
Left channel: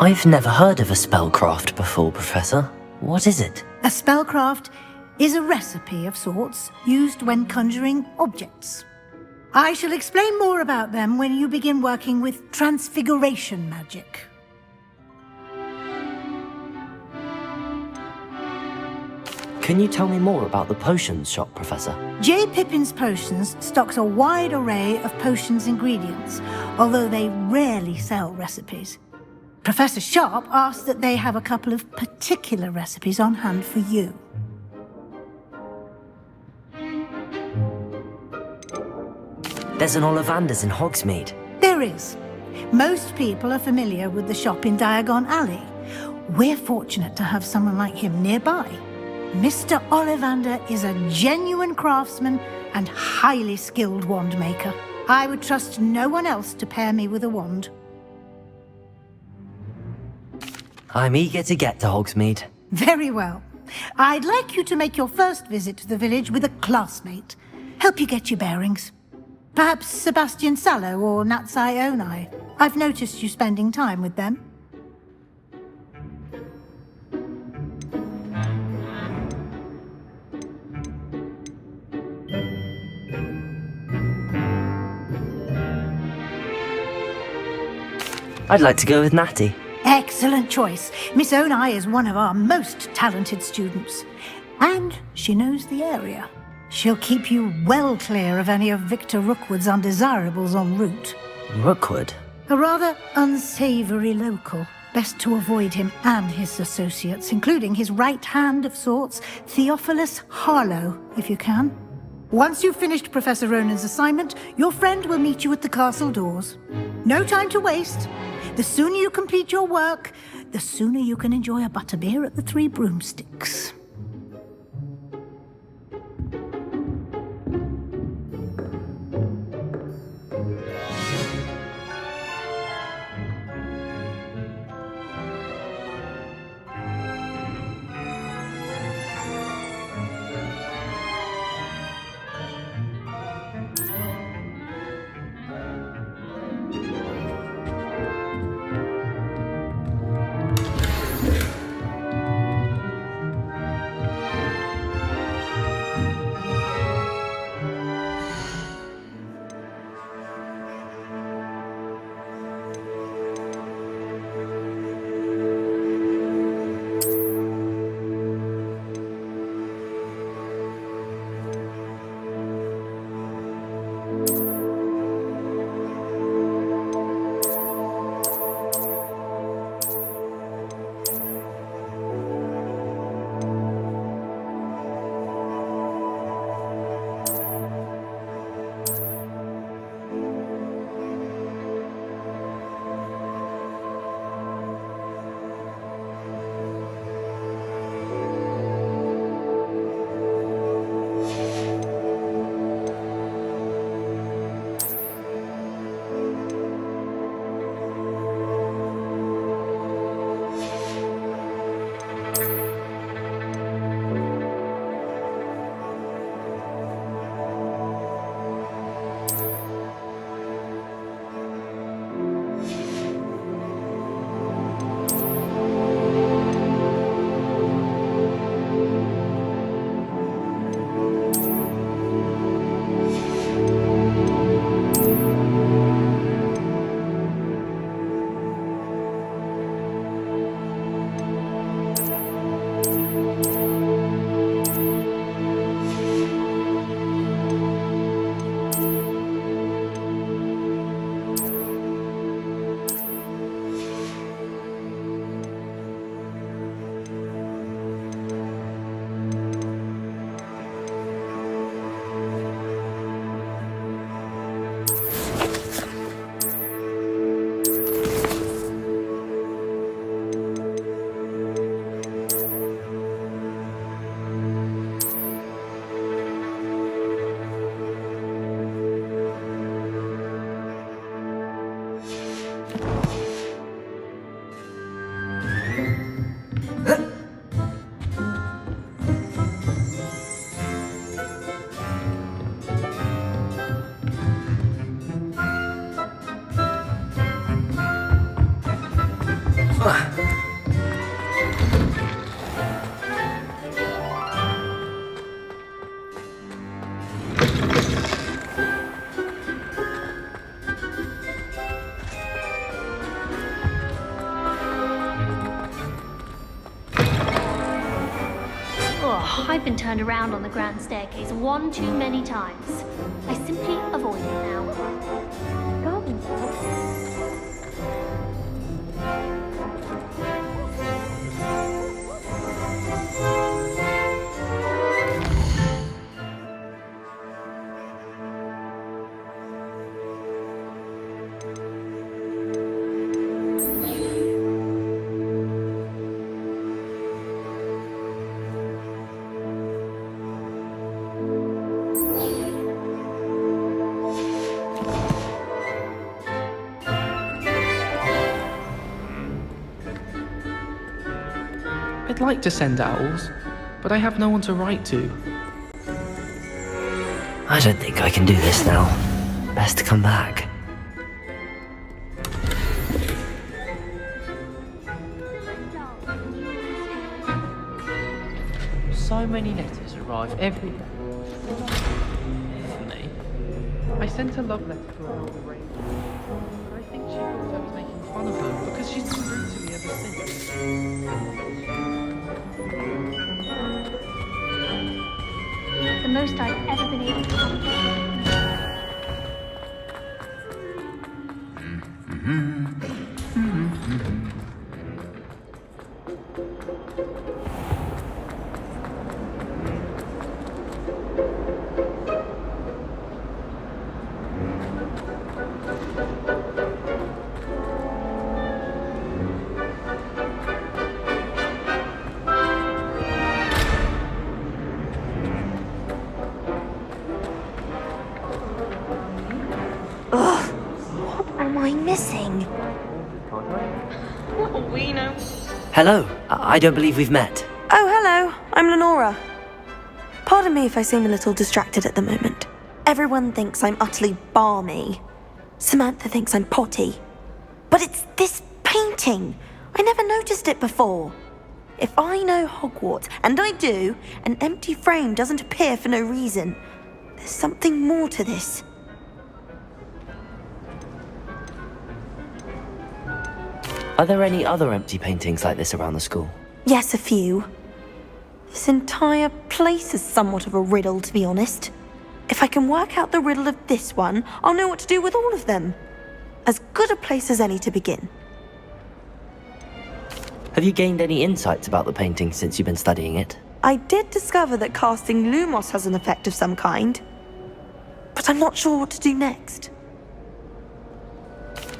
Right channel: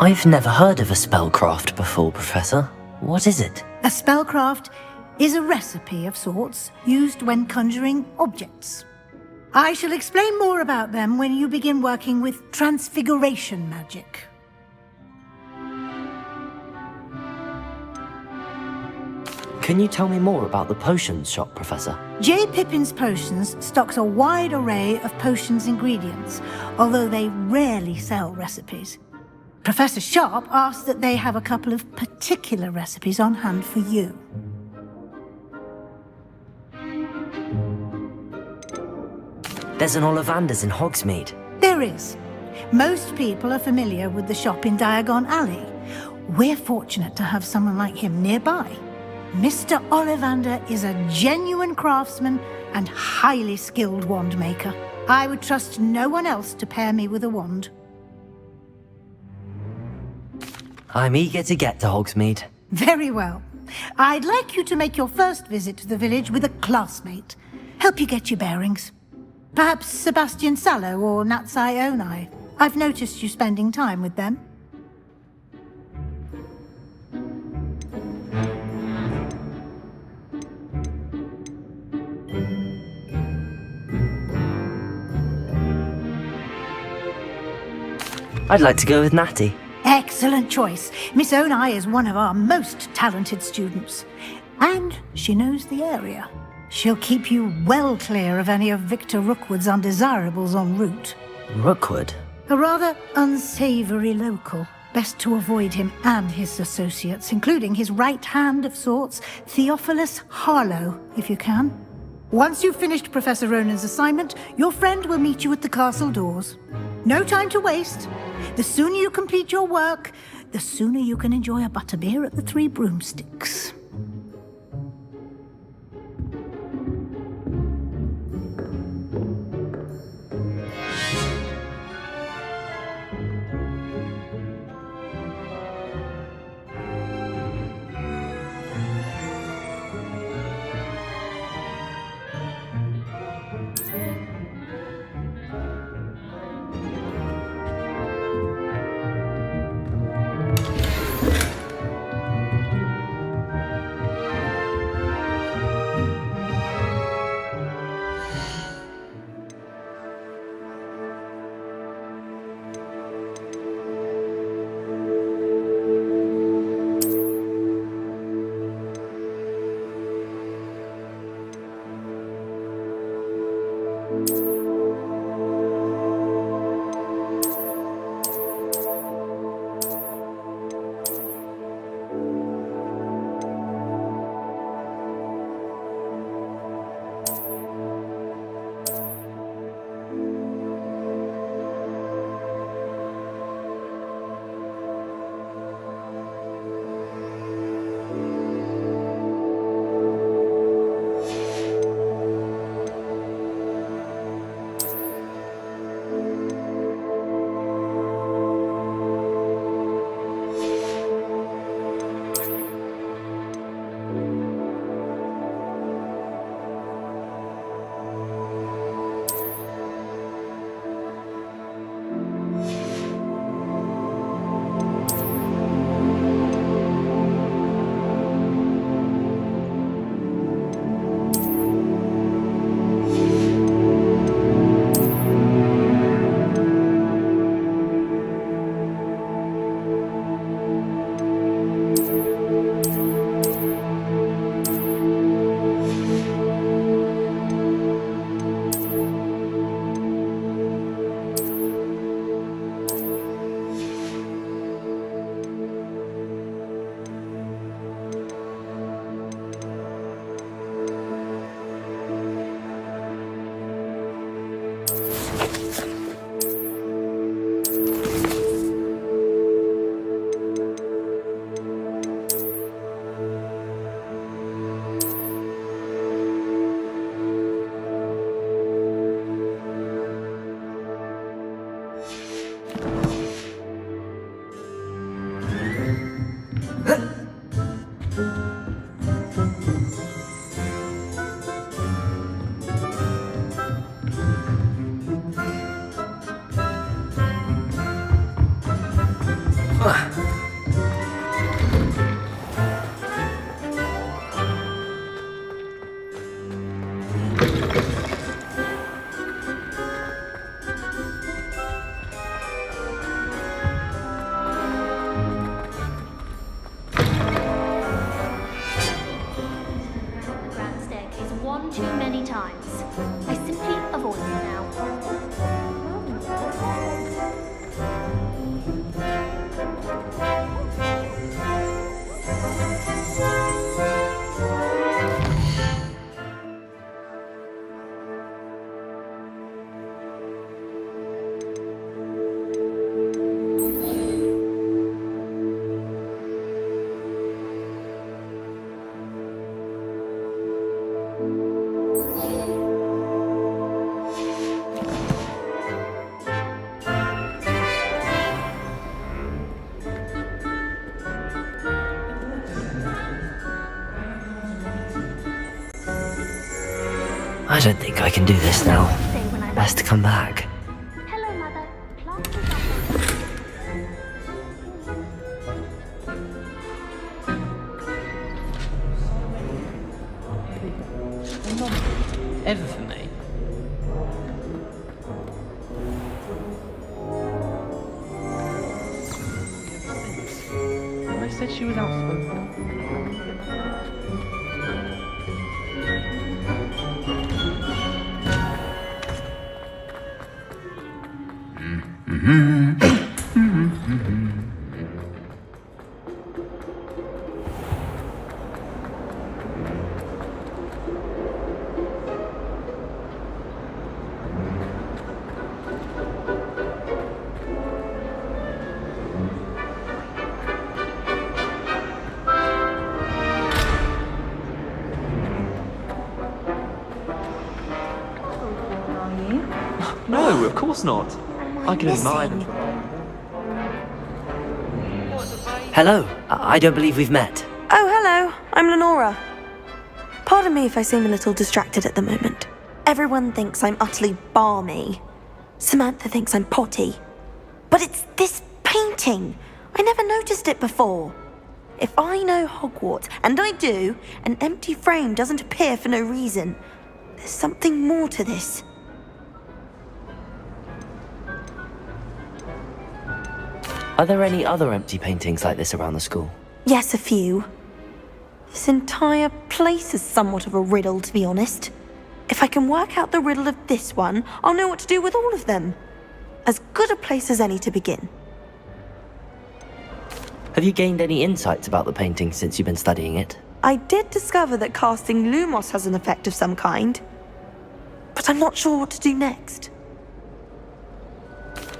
I've never heard of a spellcraft before, Professor. What is it? A spellcraft is a recipe of sorts used when conjuring objects. I shall explain more about them when you begin working with transfiguration magic. Can you tell me more about the potions shop, Professor? J. Pippin's Potions stocks a wide array of potions ingredients, although they rarely sell recipes. Professor Sharp asked that they have a couple of particular recipes on hand for you. There's an Ollivander's in Hogsmeade. There is. Most people are familiar with the shop in Diagon Alley. We're fortunate to have someone like him nearby. Mr. Ollivander is a genuine craftsman and highly skilled wand maker. I would trust no one else to pair me with a wand. I'm eager to get to Hogsmeade. Very well. I'd like you to make your first visit to the village with a classmate. Help you get your bearings. Perhaps Sebastian Sallow or Natsai Onai. I've noticed you spending time with them. I'd like to go with Natty. Excellent choice. Miss Onai is one of our most talented students. And she knows the area. She'll keep you well clear of any of Victor Rookwood's undesirables en route. Rookwood? A rather unsavory local. Best to avoid him and his associates, including his right hand of sorts, Theophilus Harlow, if you can. Once you've finished Professor Ronan's assignment, your friend will meet you at the castle doors. No time to waste. The sooner you complete your work, the sooner you can enjoy a butterbeer at the Three Broomsticks. one too many times. I simply avoid it now. Garden belt? I'd like to send owls, but I have no one to write to. I don't think I can do this now. Best to come back. So many letters arrive every day. And not ever for me. I sent a love letter to her already. But I think she thought I was making fun of her because she's been rude to me ever since. And I said she was outspoken. The most I've ever been able to do. No, of course not. Am I missing? Hello, I don't believe we've met. Oh, hello. I'm Lenora. Pardon me if I seem a little distracted at the moment. Everyone thinks I'm utterly balmy. Samantha thinks I'm potty. But it's this painting. I never noticed it before. If I know Hogwarts, and I do, an empty frame doesn't appear for no reason. There's something more to this. Are there any other empty paintings like this around the school? Yes, a few. This entire place is somewhat of a riddle, to be honest. If I can work out the riddle of this one, I'll know what to do with all of them. As good a place as any to begin. Have you gained any insights about the painting since you've been studying it? I did discover that casting Lumos has an effect of some kind. But I'm not sure what to do next.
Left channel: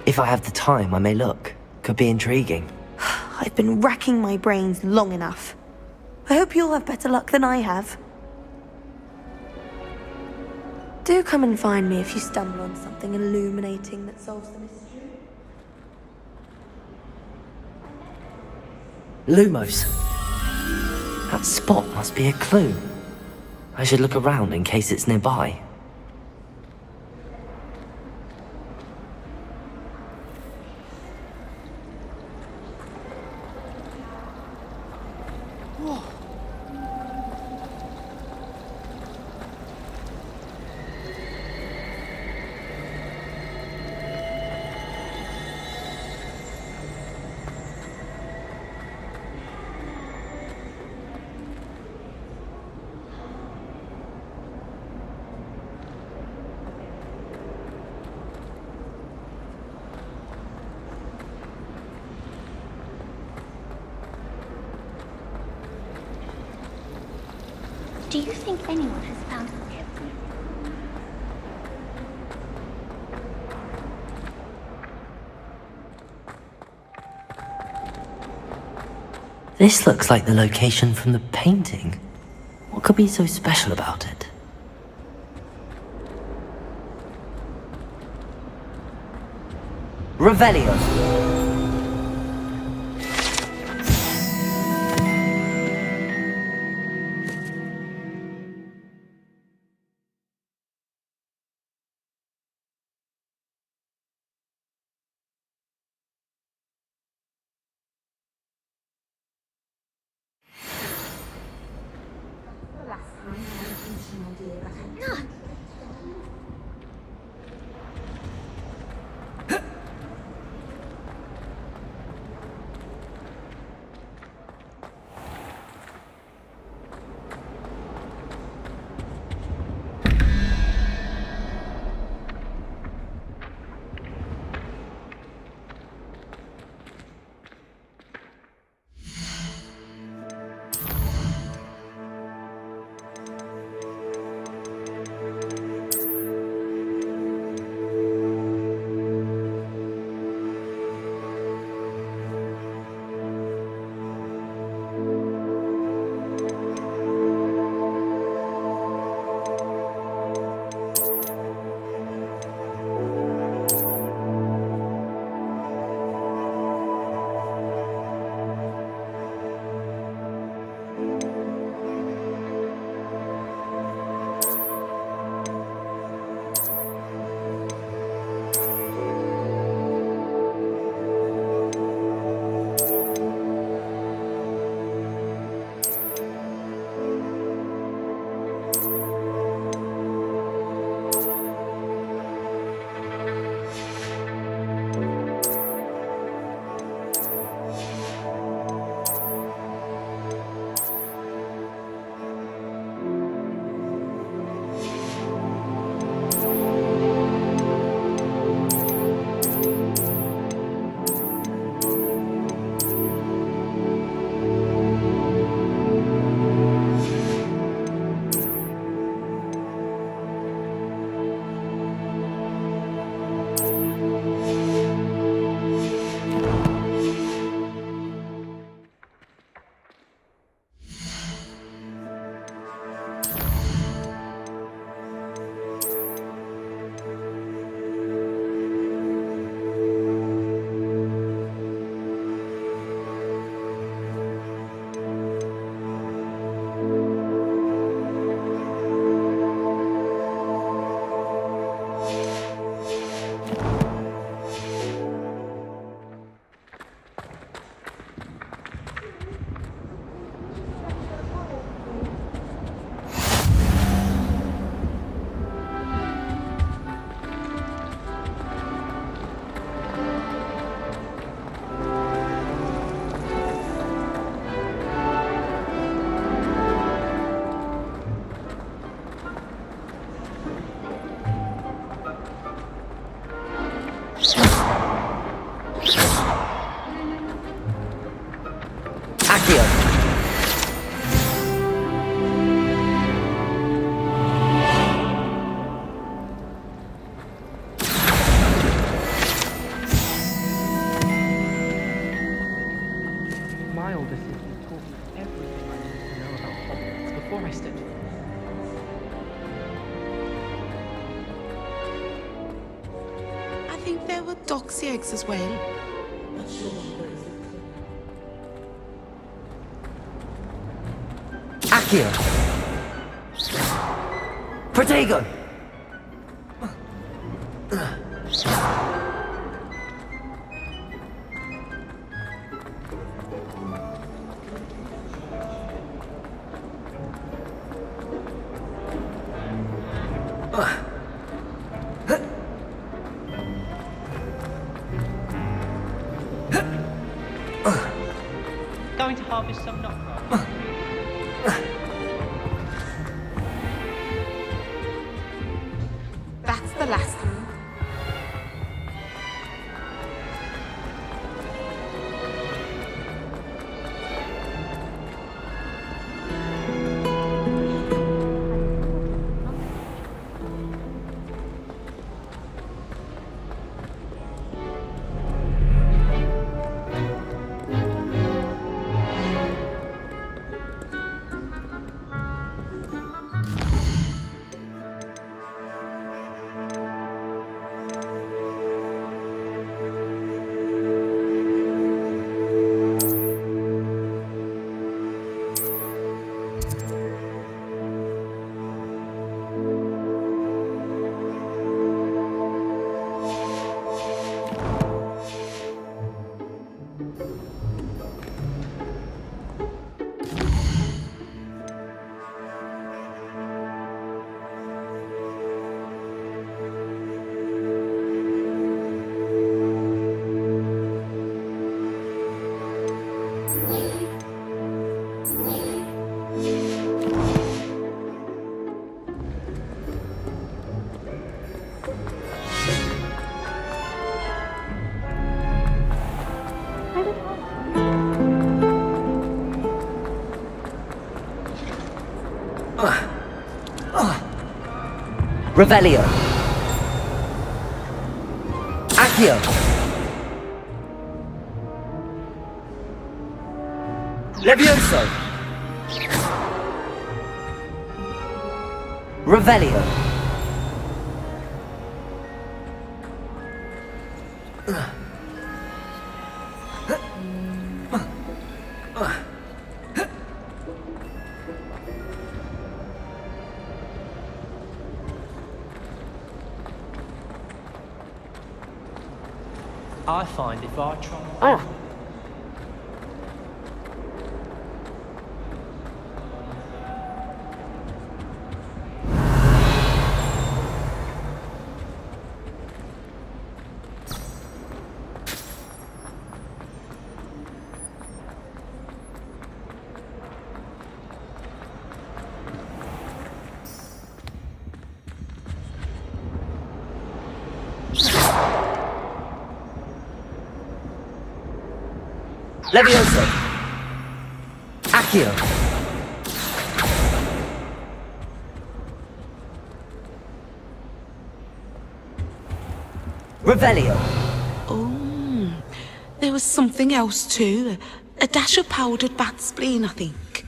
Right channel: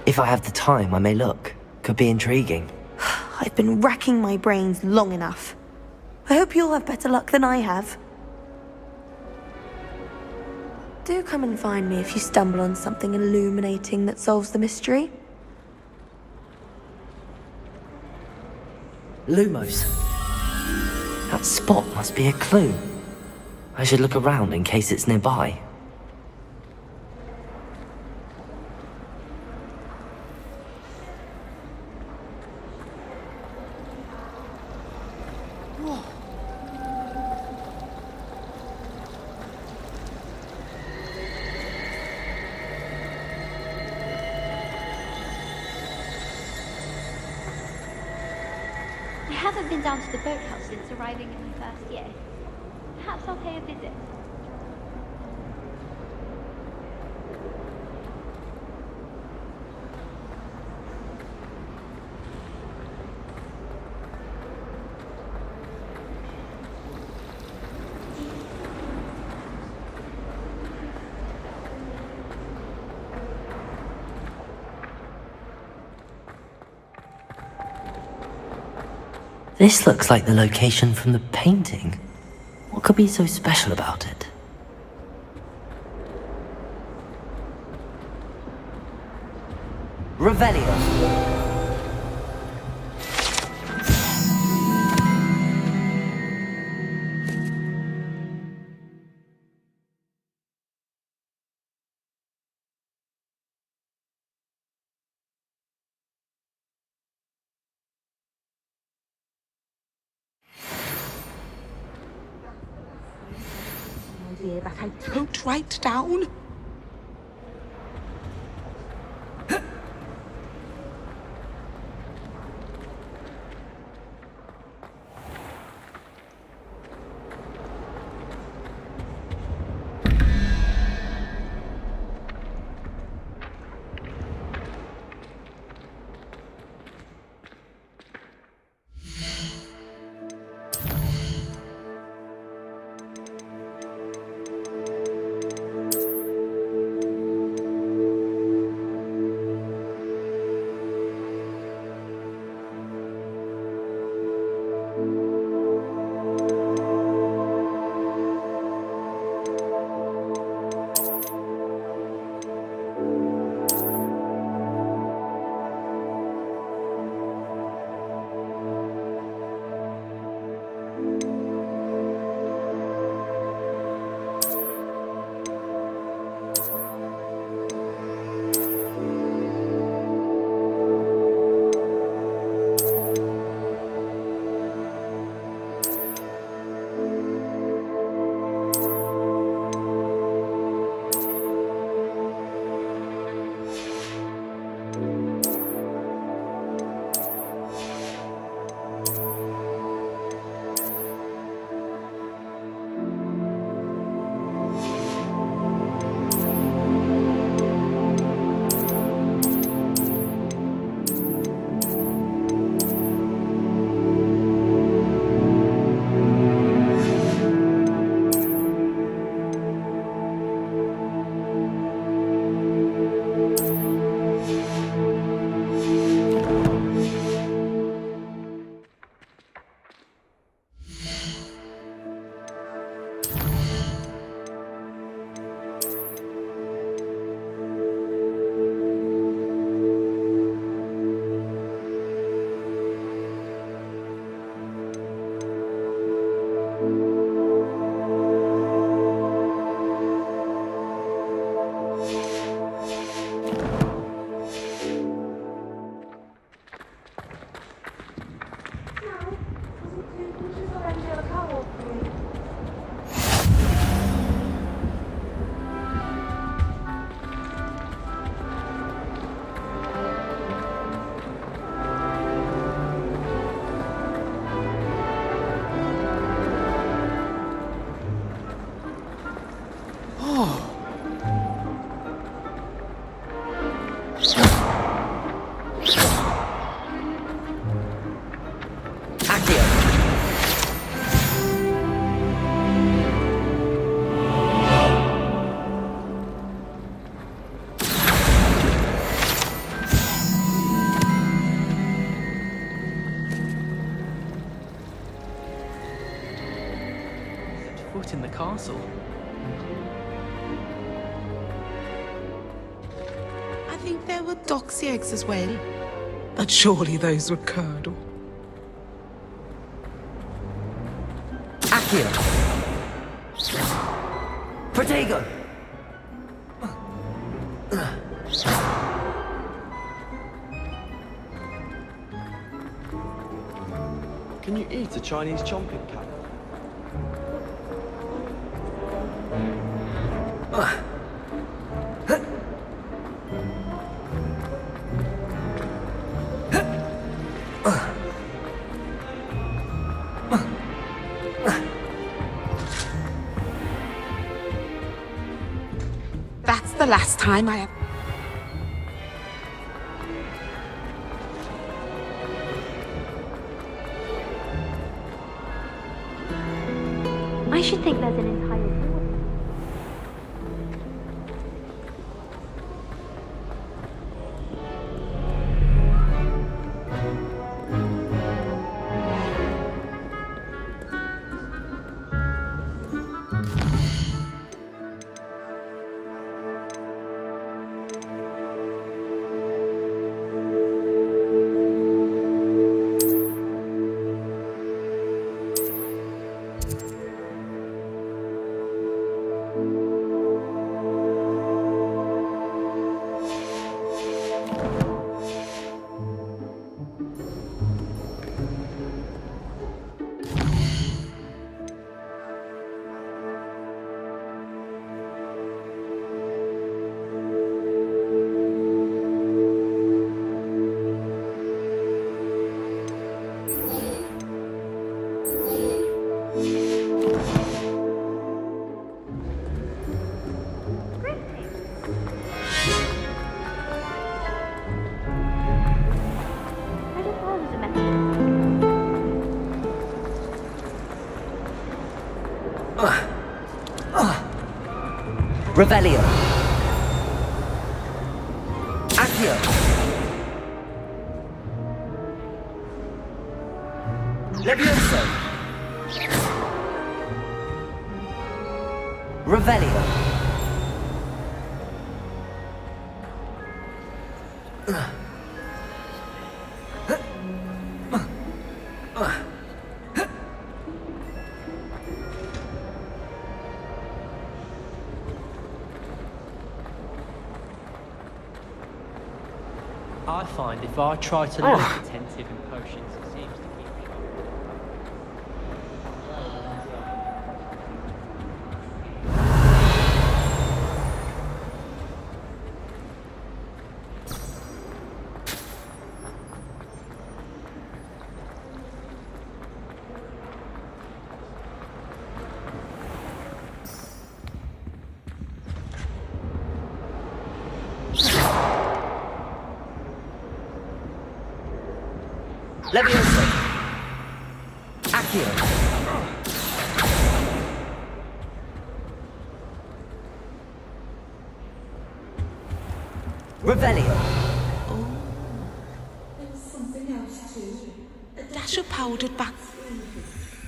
If I have the time, I may look. Could be intriguing. I've been racking my brains long enough. I hope you'll have better luck than I have. Do come and find me if you stumble on something illuminating that solves the mystery. Lumos. That spot must be a clue. I should look around in case it's nearby. I haven't been down to the boathouse since arriving in the first year. Perhaps I'll pay a visit. Do you think anyone has found it? This looks like the location from the painting. What could be so special about it? Revelio. Don't write down. think there were doxy eggs as well. But surely those were curdle. Accio. Protego. Can you eat a Chinese chocolate cup? Going to harvest some nuts. That's the last time I... I should think there's an entire ward. Revelio. Accio. Levioso. Revelio. I find if I try to learn intensive emotions, it seems Levioso. Accio. Revelio. Oh, there was something else too. A dash of powdered bat spleen, I think.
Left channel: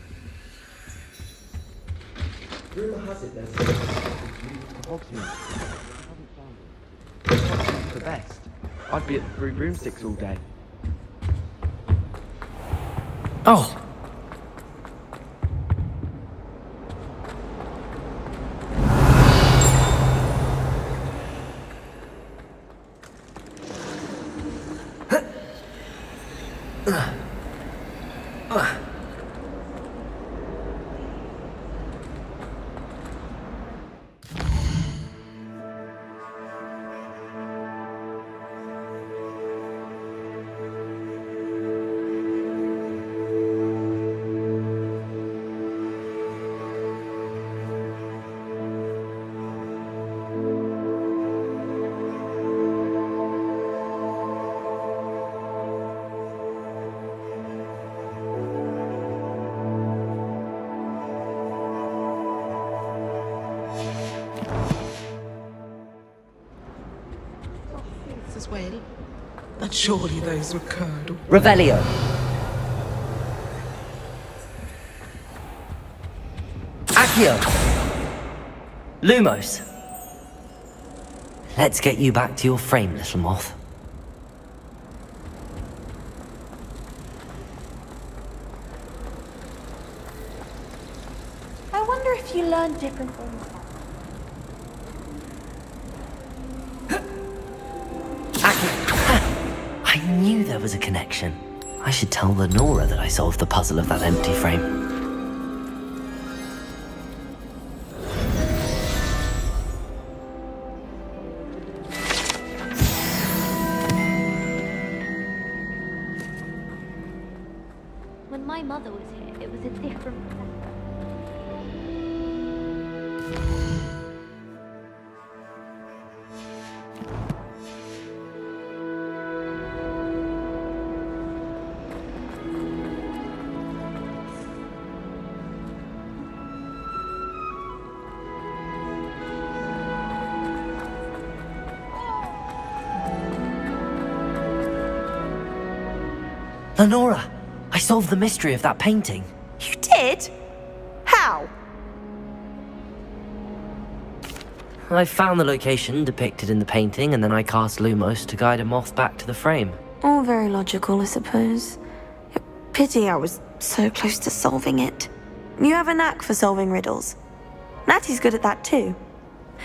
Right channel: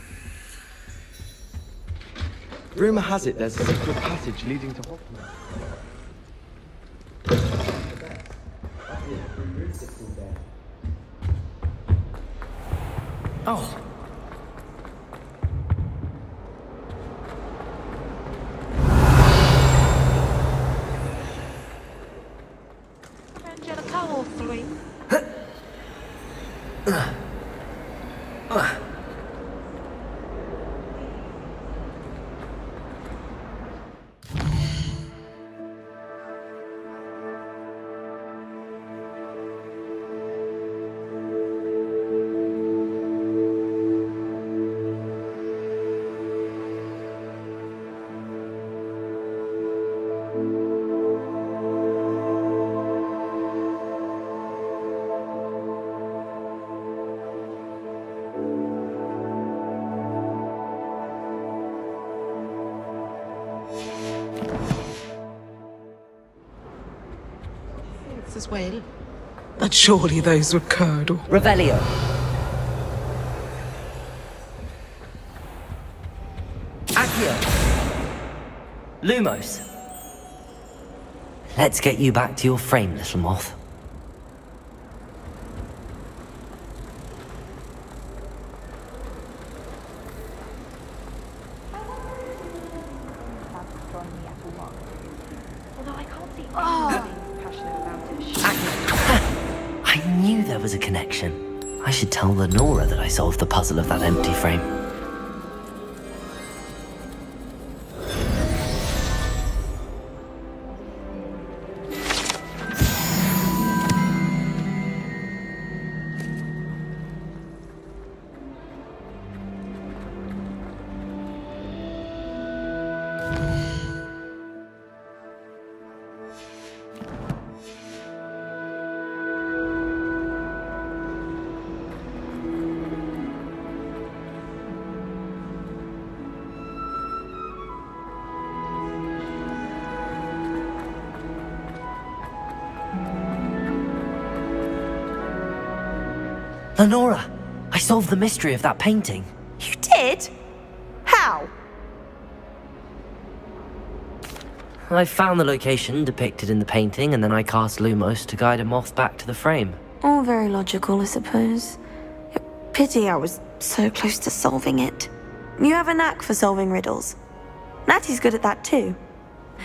Rumour has it there's a secret passage leading to Hogwarts. The best. I'd be at the broomsticks all day. Oh. As well. But surely those were curdle. Revelio. Accio. Lumos. Let's get you back to your frame, little moth. I wonder if you learn different things about astronomy at the moment. Although I can't be I knew there was a connection. I should tell Lenora that I solved the puzzle of that empty frame. When my mother was here, it was a different Lenora! I solved the mystery of that painting. You did? How? I found the location depicted in the painting, and then I cast Lumos to guide a moth back to the frame. All very logical, I suppose. Pity I was so close to solving it. You have a knack for solving riddles. Natty's good at that too.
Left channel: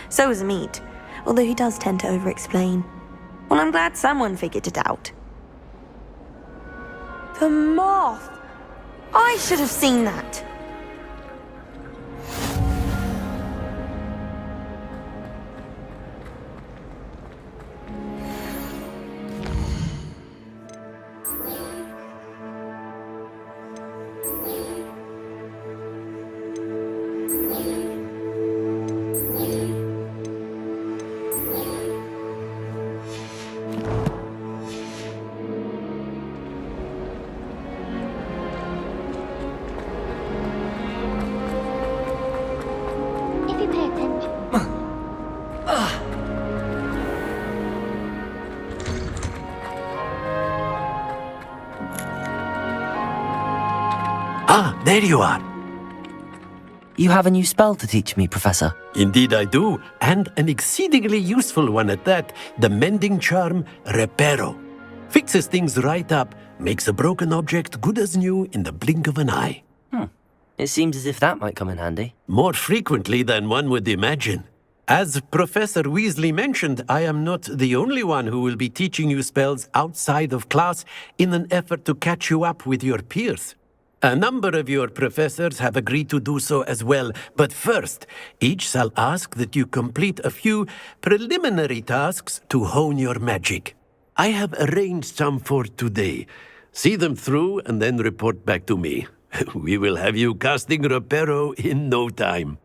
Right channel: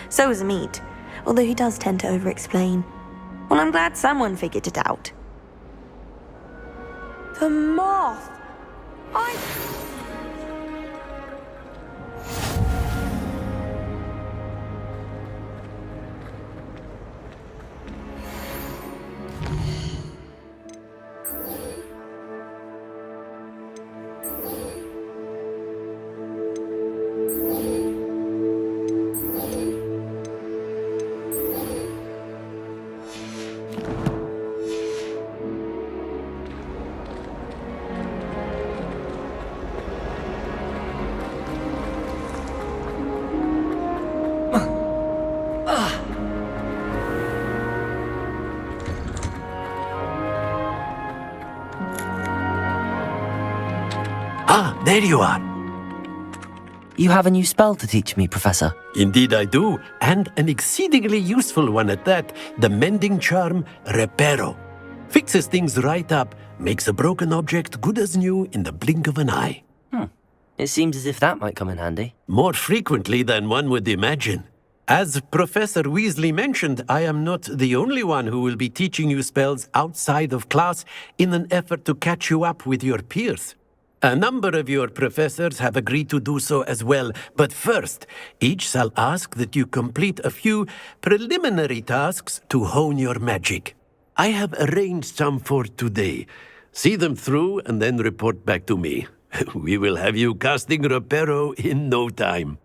So is Amit, although he does tend to over-explain. Well, I'm glad someone figured it out. The moth! I should have seen that. Ah, there you are. You have a new spell to teach me, Professor. Indeed I do, and an exceedingly useful one at that, the mending charm Reparo. Fixes things right up, makes a broken object good as new in the blink of an eye. It seems as if that might come in handy. More frequently than one would imagine. As Professor Weasley mentioned, I am not the only one who will be teaching you spells outside of class in an effort to catch you up with your peers. A number of your professors have agreed to do so as well, but first, each shall ask that you complete a few preliminary tasks to hone your magic. I have arranged some for today. See them through and then report back to me. We will have you casting Reparo in no time.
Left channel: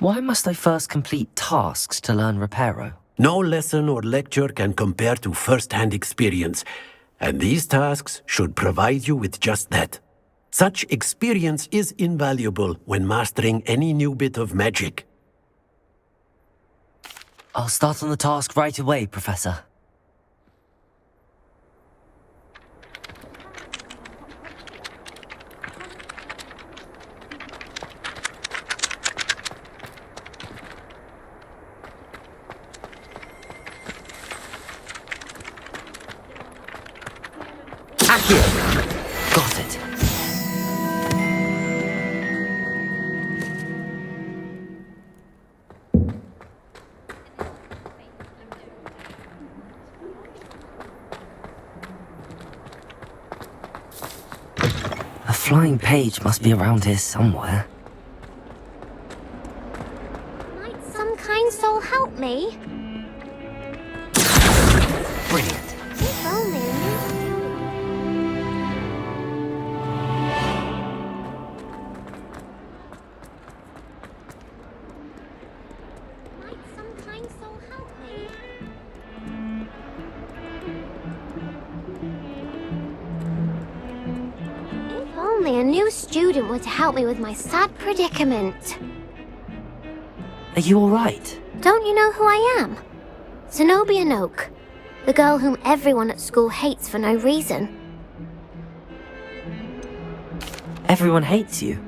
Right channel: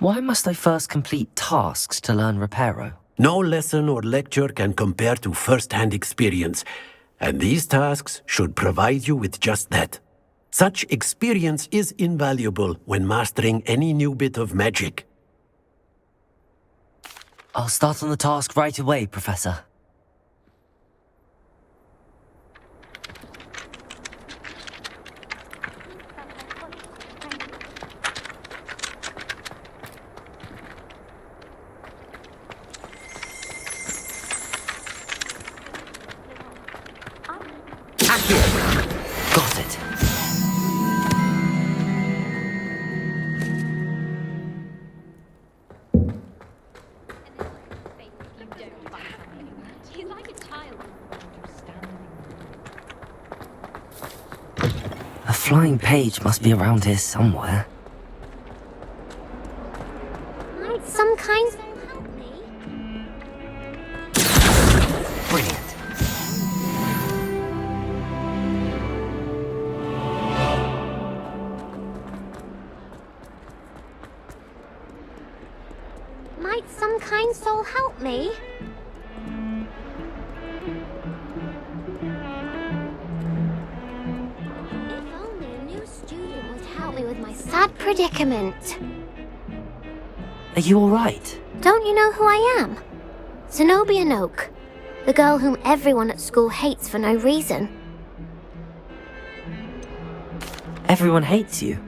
Why must I first complete tasks to learn Reparo? No lesson or lecture can compare to first-hand experience, and these tasks should provide you with just that. Such experience is invaluable when mastering any new bit of magic. I'll start on the task right away, Professor. Got it. A flying page must be around here somewhere. Might some kind soul help me? Brilliant. Might some kind soul help me? If only a new student were to help me with my sad predicament. Are you alright? Don't you know who I am? Zenobia Noak, the girl whom everyone at school hates for no reason. Everyone hates you.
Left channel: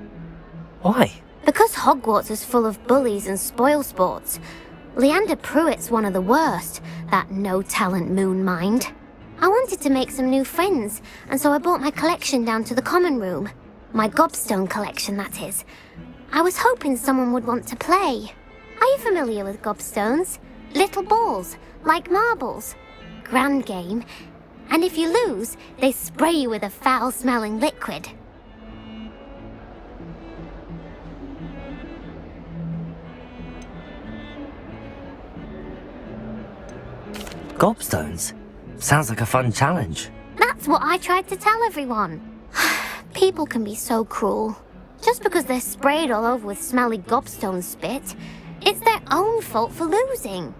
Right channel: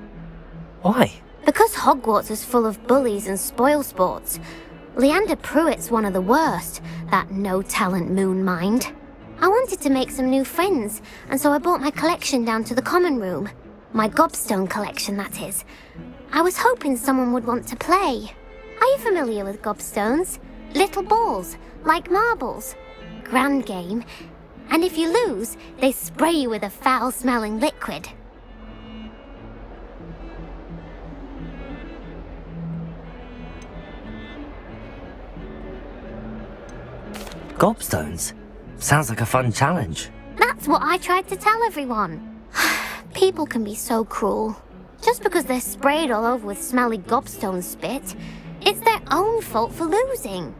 Why? Because Hogwarts is full of bullies and spoilsports, Leander Pruitt's one of the worst, that no-talent moon mind. I wanted to make some new friends, and so I brought my collection down to the common room. My gobstone collection, that is. I was hoping someone would want to play. Are you familiar with gobstones? Little balls, like marbles. Grand game. And if you lose, they spray you with a foul-smelling liquid. Gobstones? Sounds like a fun challenge. That's what I tried to tell everyone. People can be so cruel. Just because they're sprayed all over with smelly gobstone spit, it's their own fault for losing.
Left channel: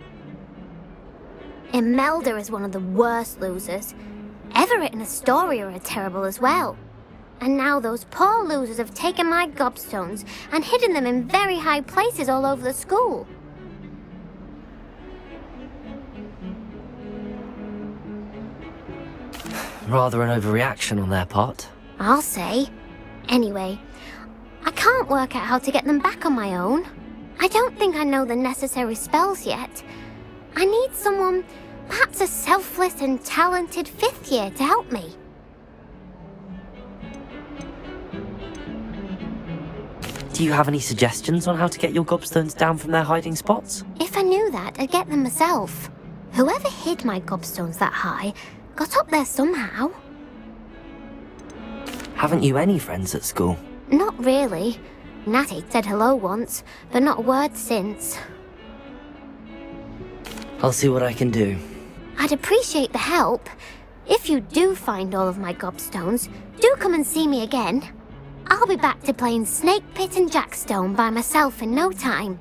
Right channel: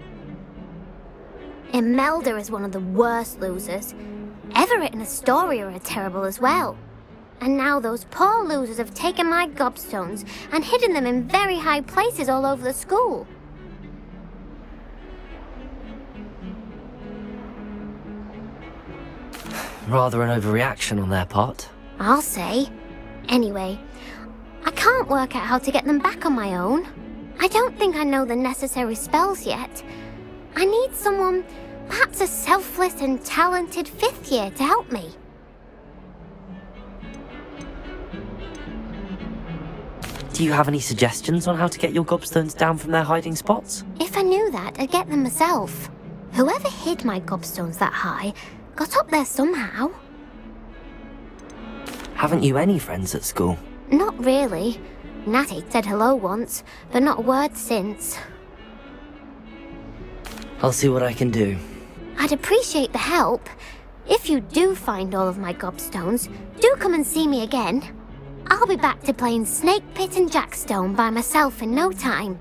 Imelda is one of the worst losers. Everett and Astoria are terrible as well. And now those poor losers have taken my gobstones and hidden them in very high places all over the school. Rather an overreaction on their part. I'll say. Anyway, I can't work out how to get them back on my own. I don't think I know the necessary spells yet. I need someone, perhaps a selfless and talented 5th year to help me. Do you have any suggestions on how to get your gobstones down from their hiding spots? If I knew that, I'd get them myself. Whoever hid my gobstones that high got up there somehow. Haven't you any friends at school? Not really. Natty said hello once, but not a word since. I'll see what I can do. I'd appreciate the help. If you do find all of my gobstones, do come and see me again. I'll be back to playing Snake Pit and Jackstone by myself in no time.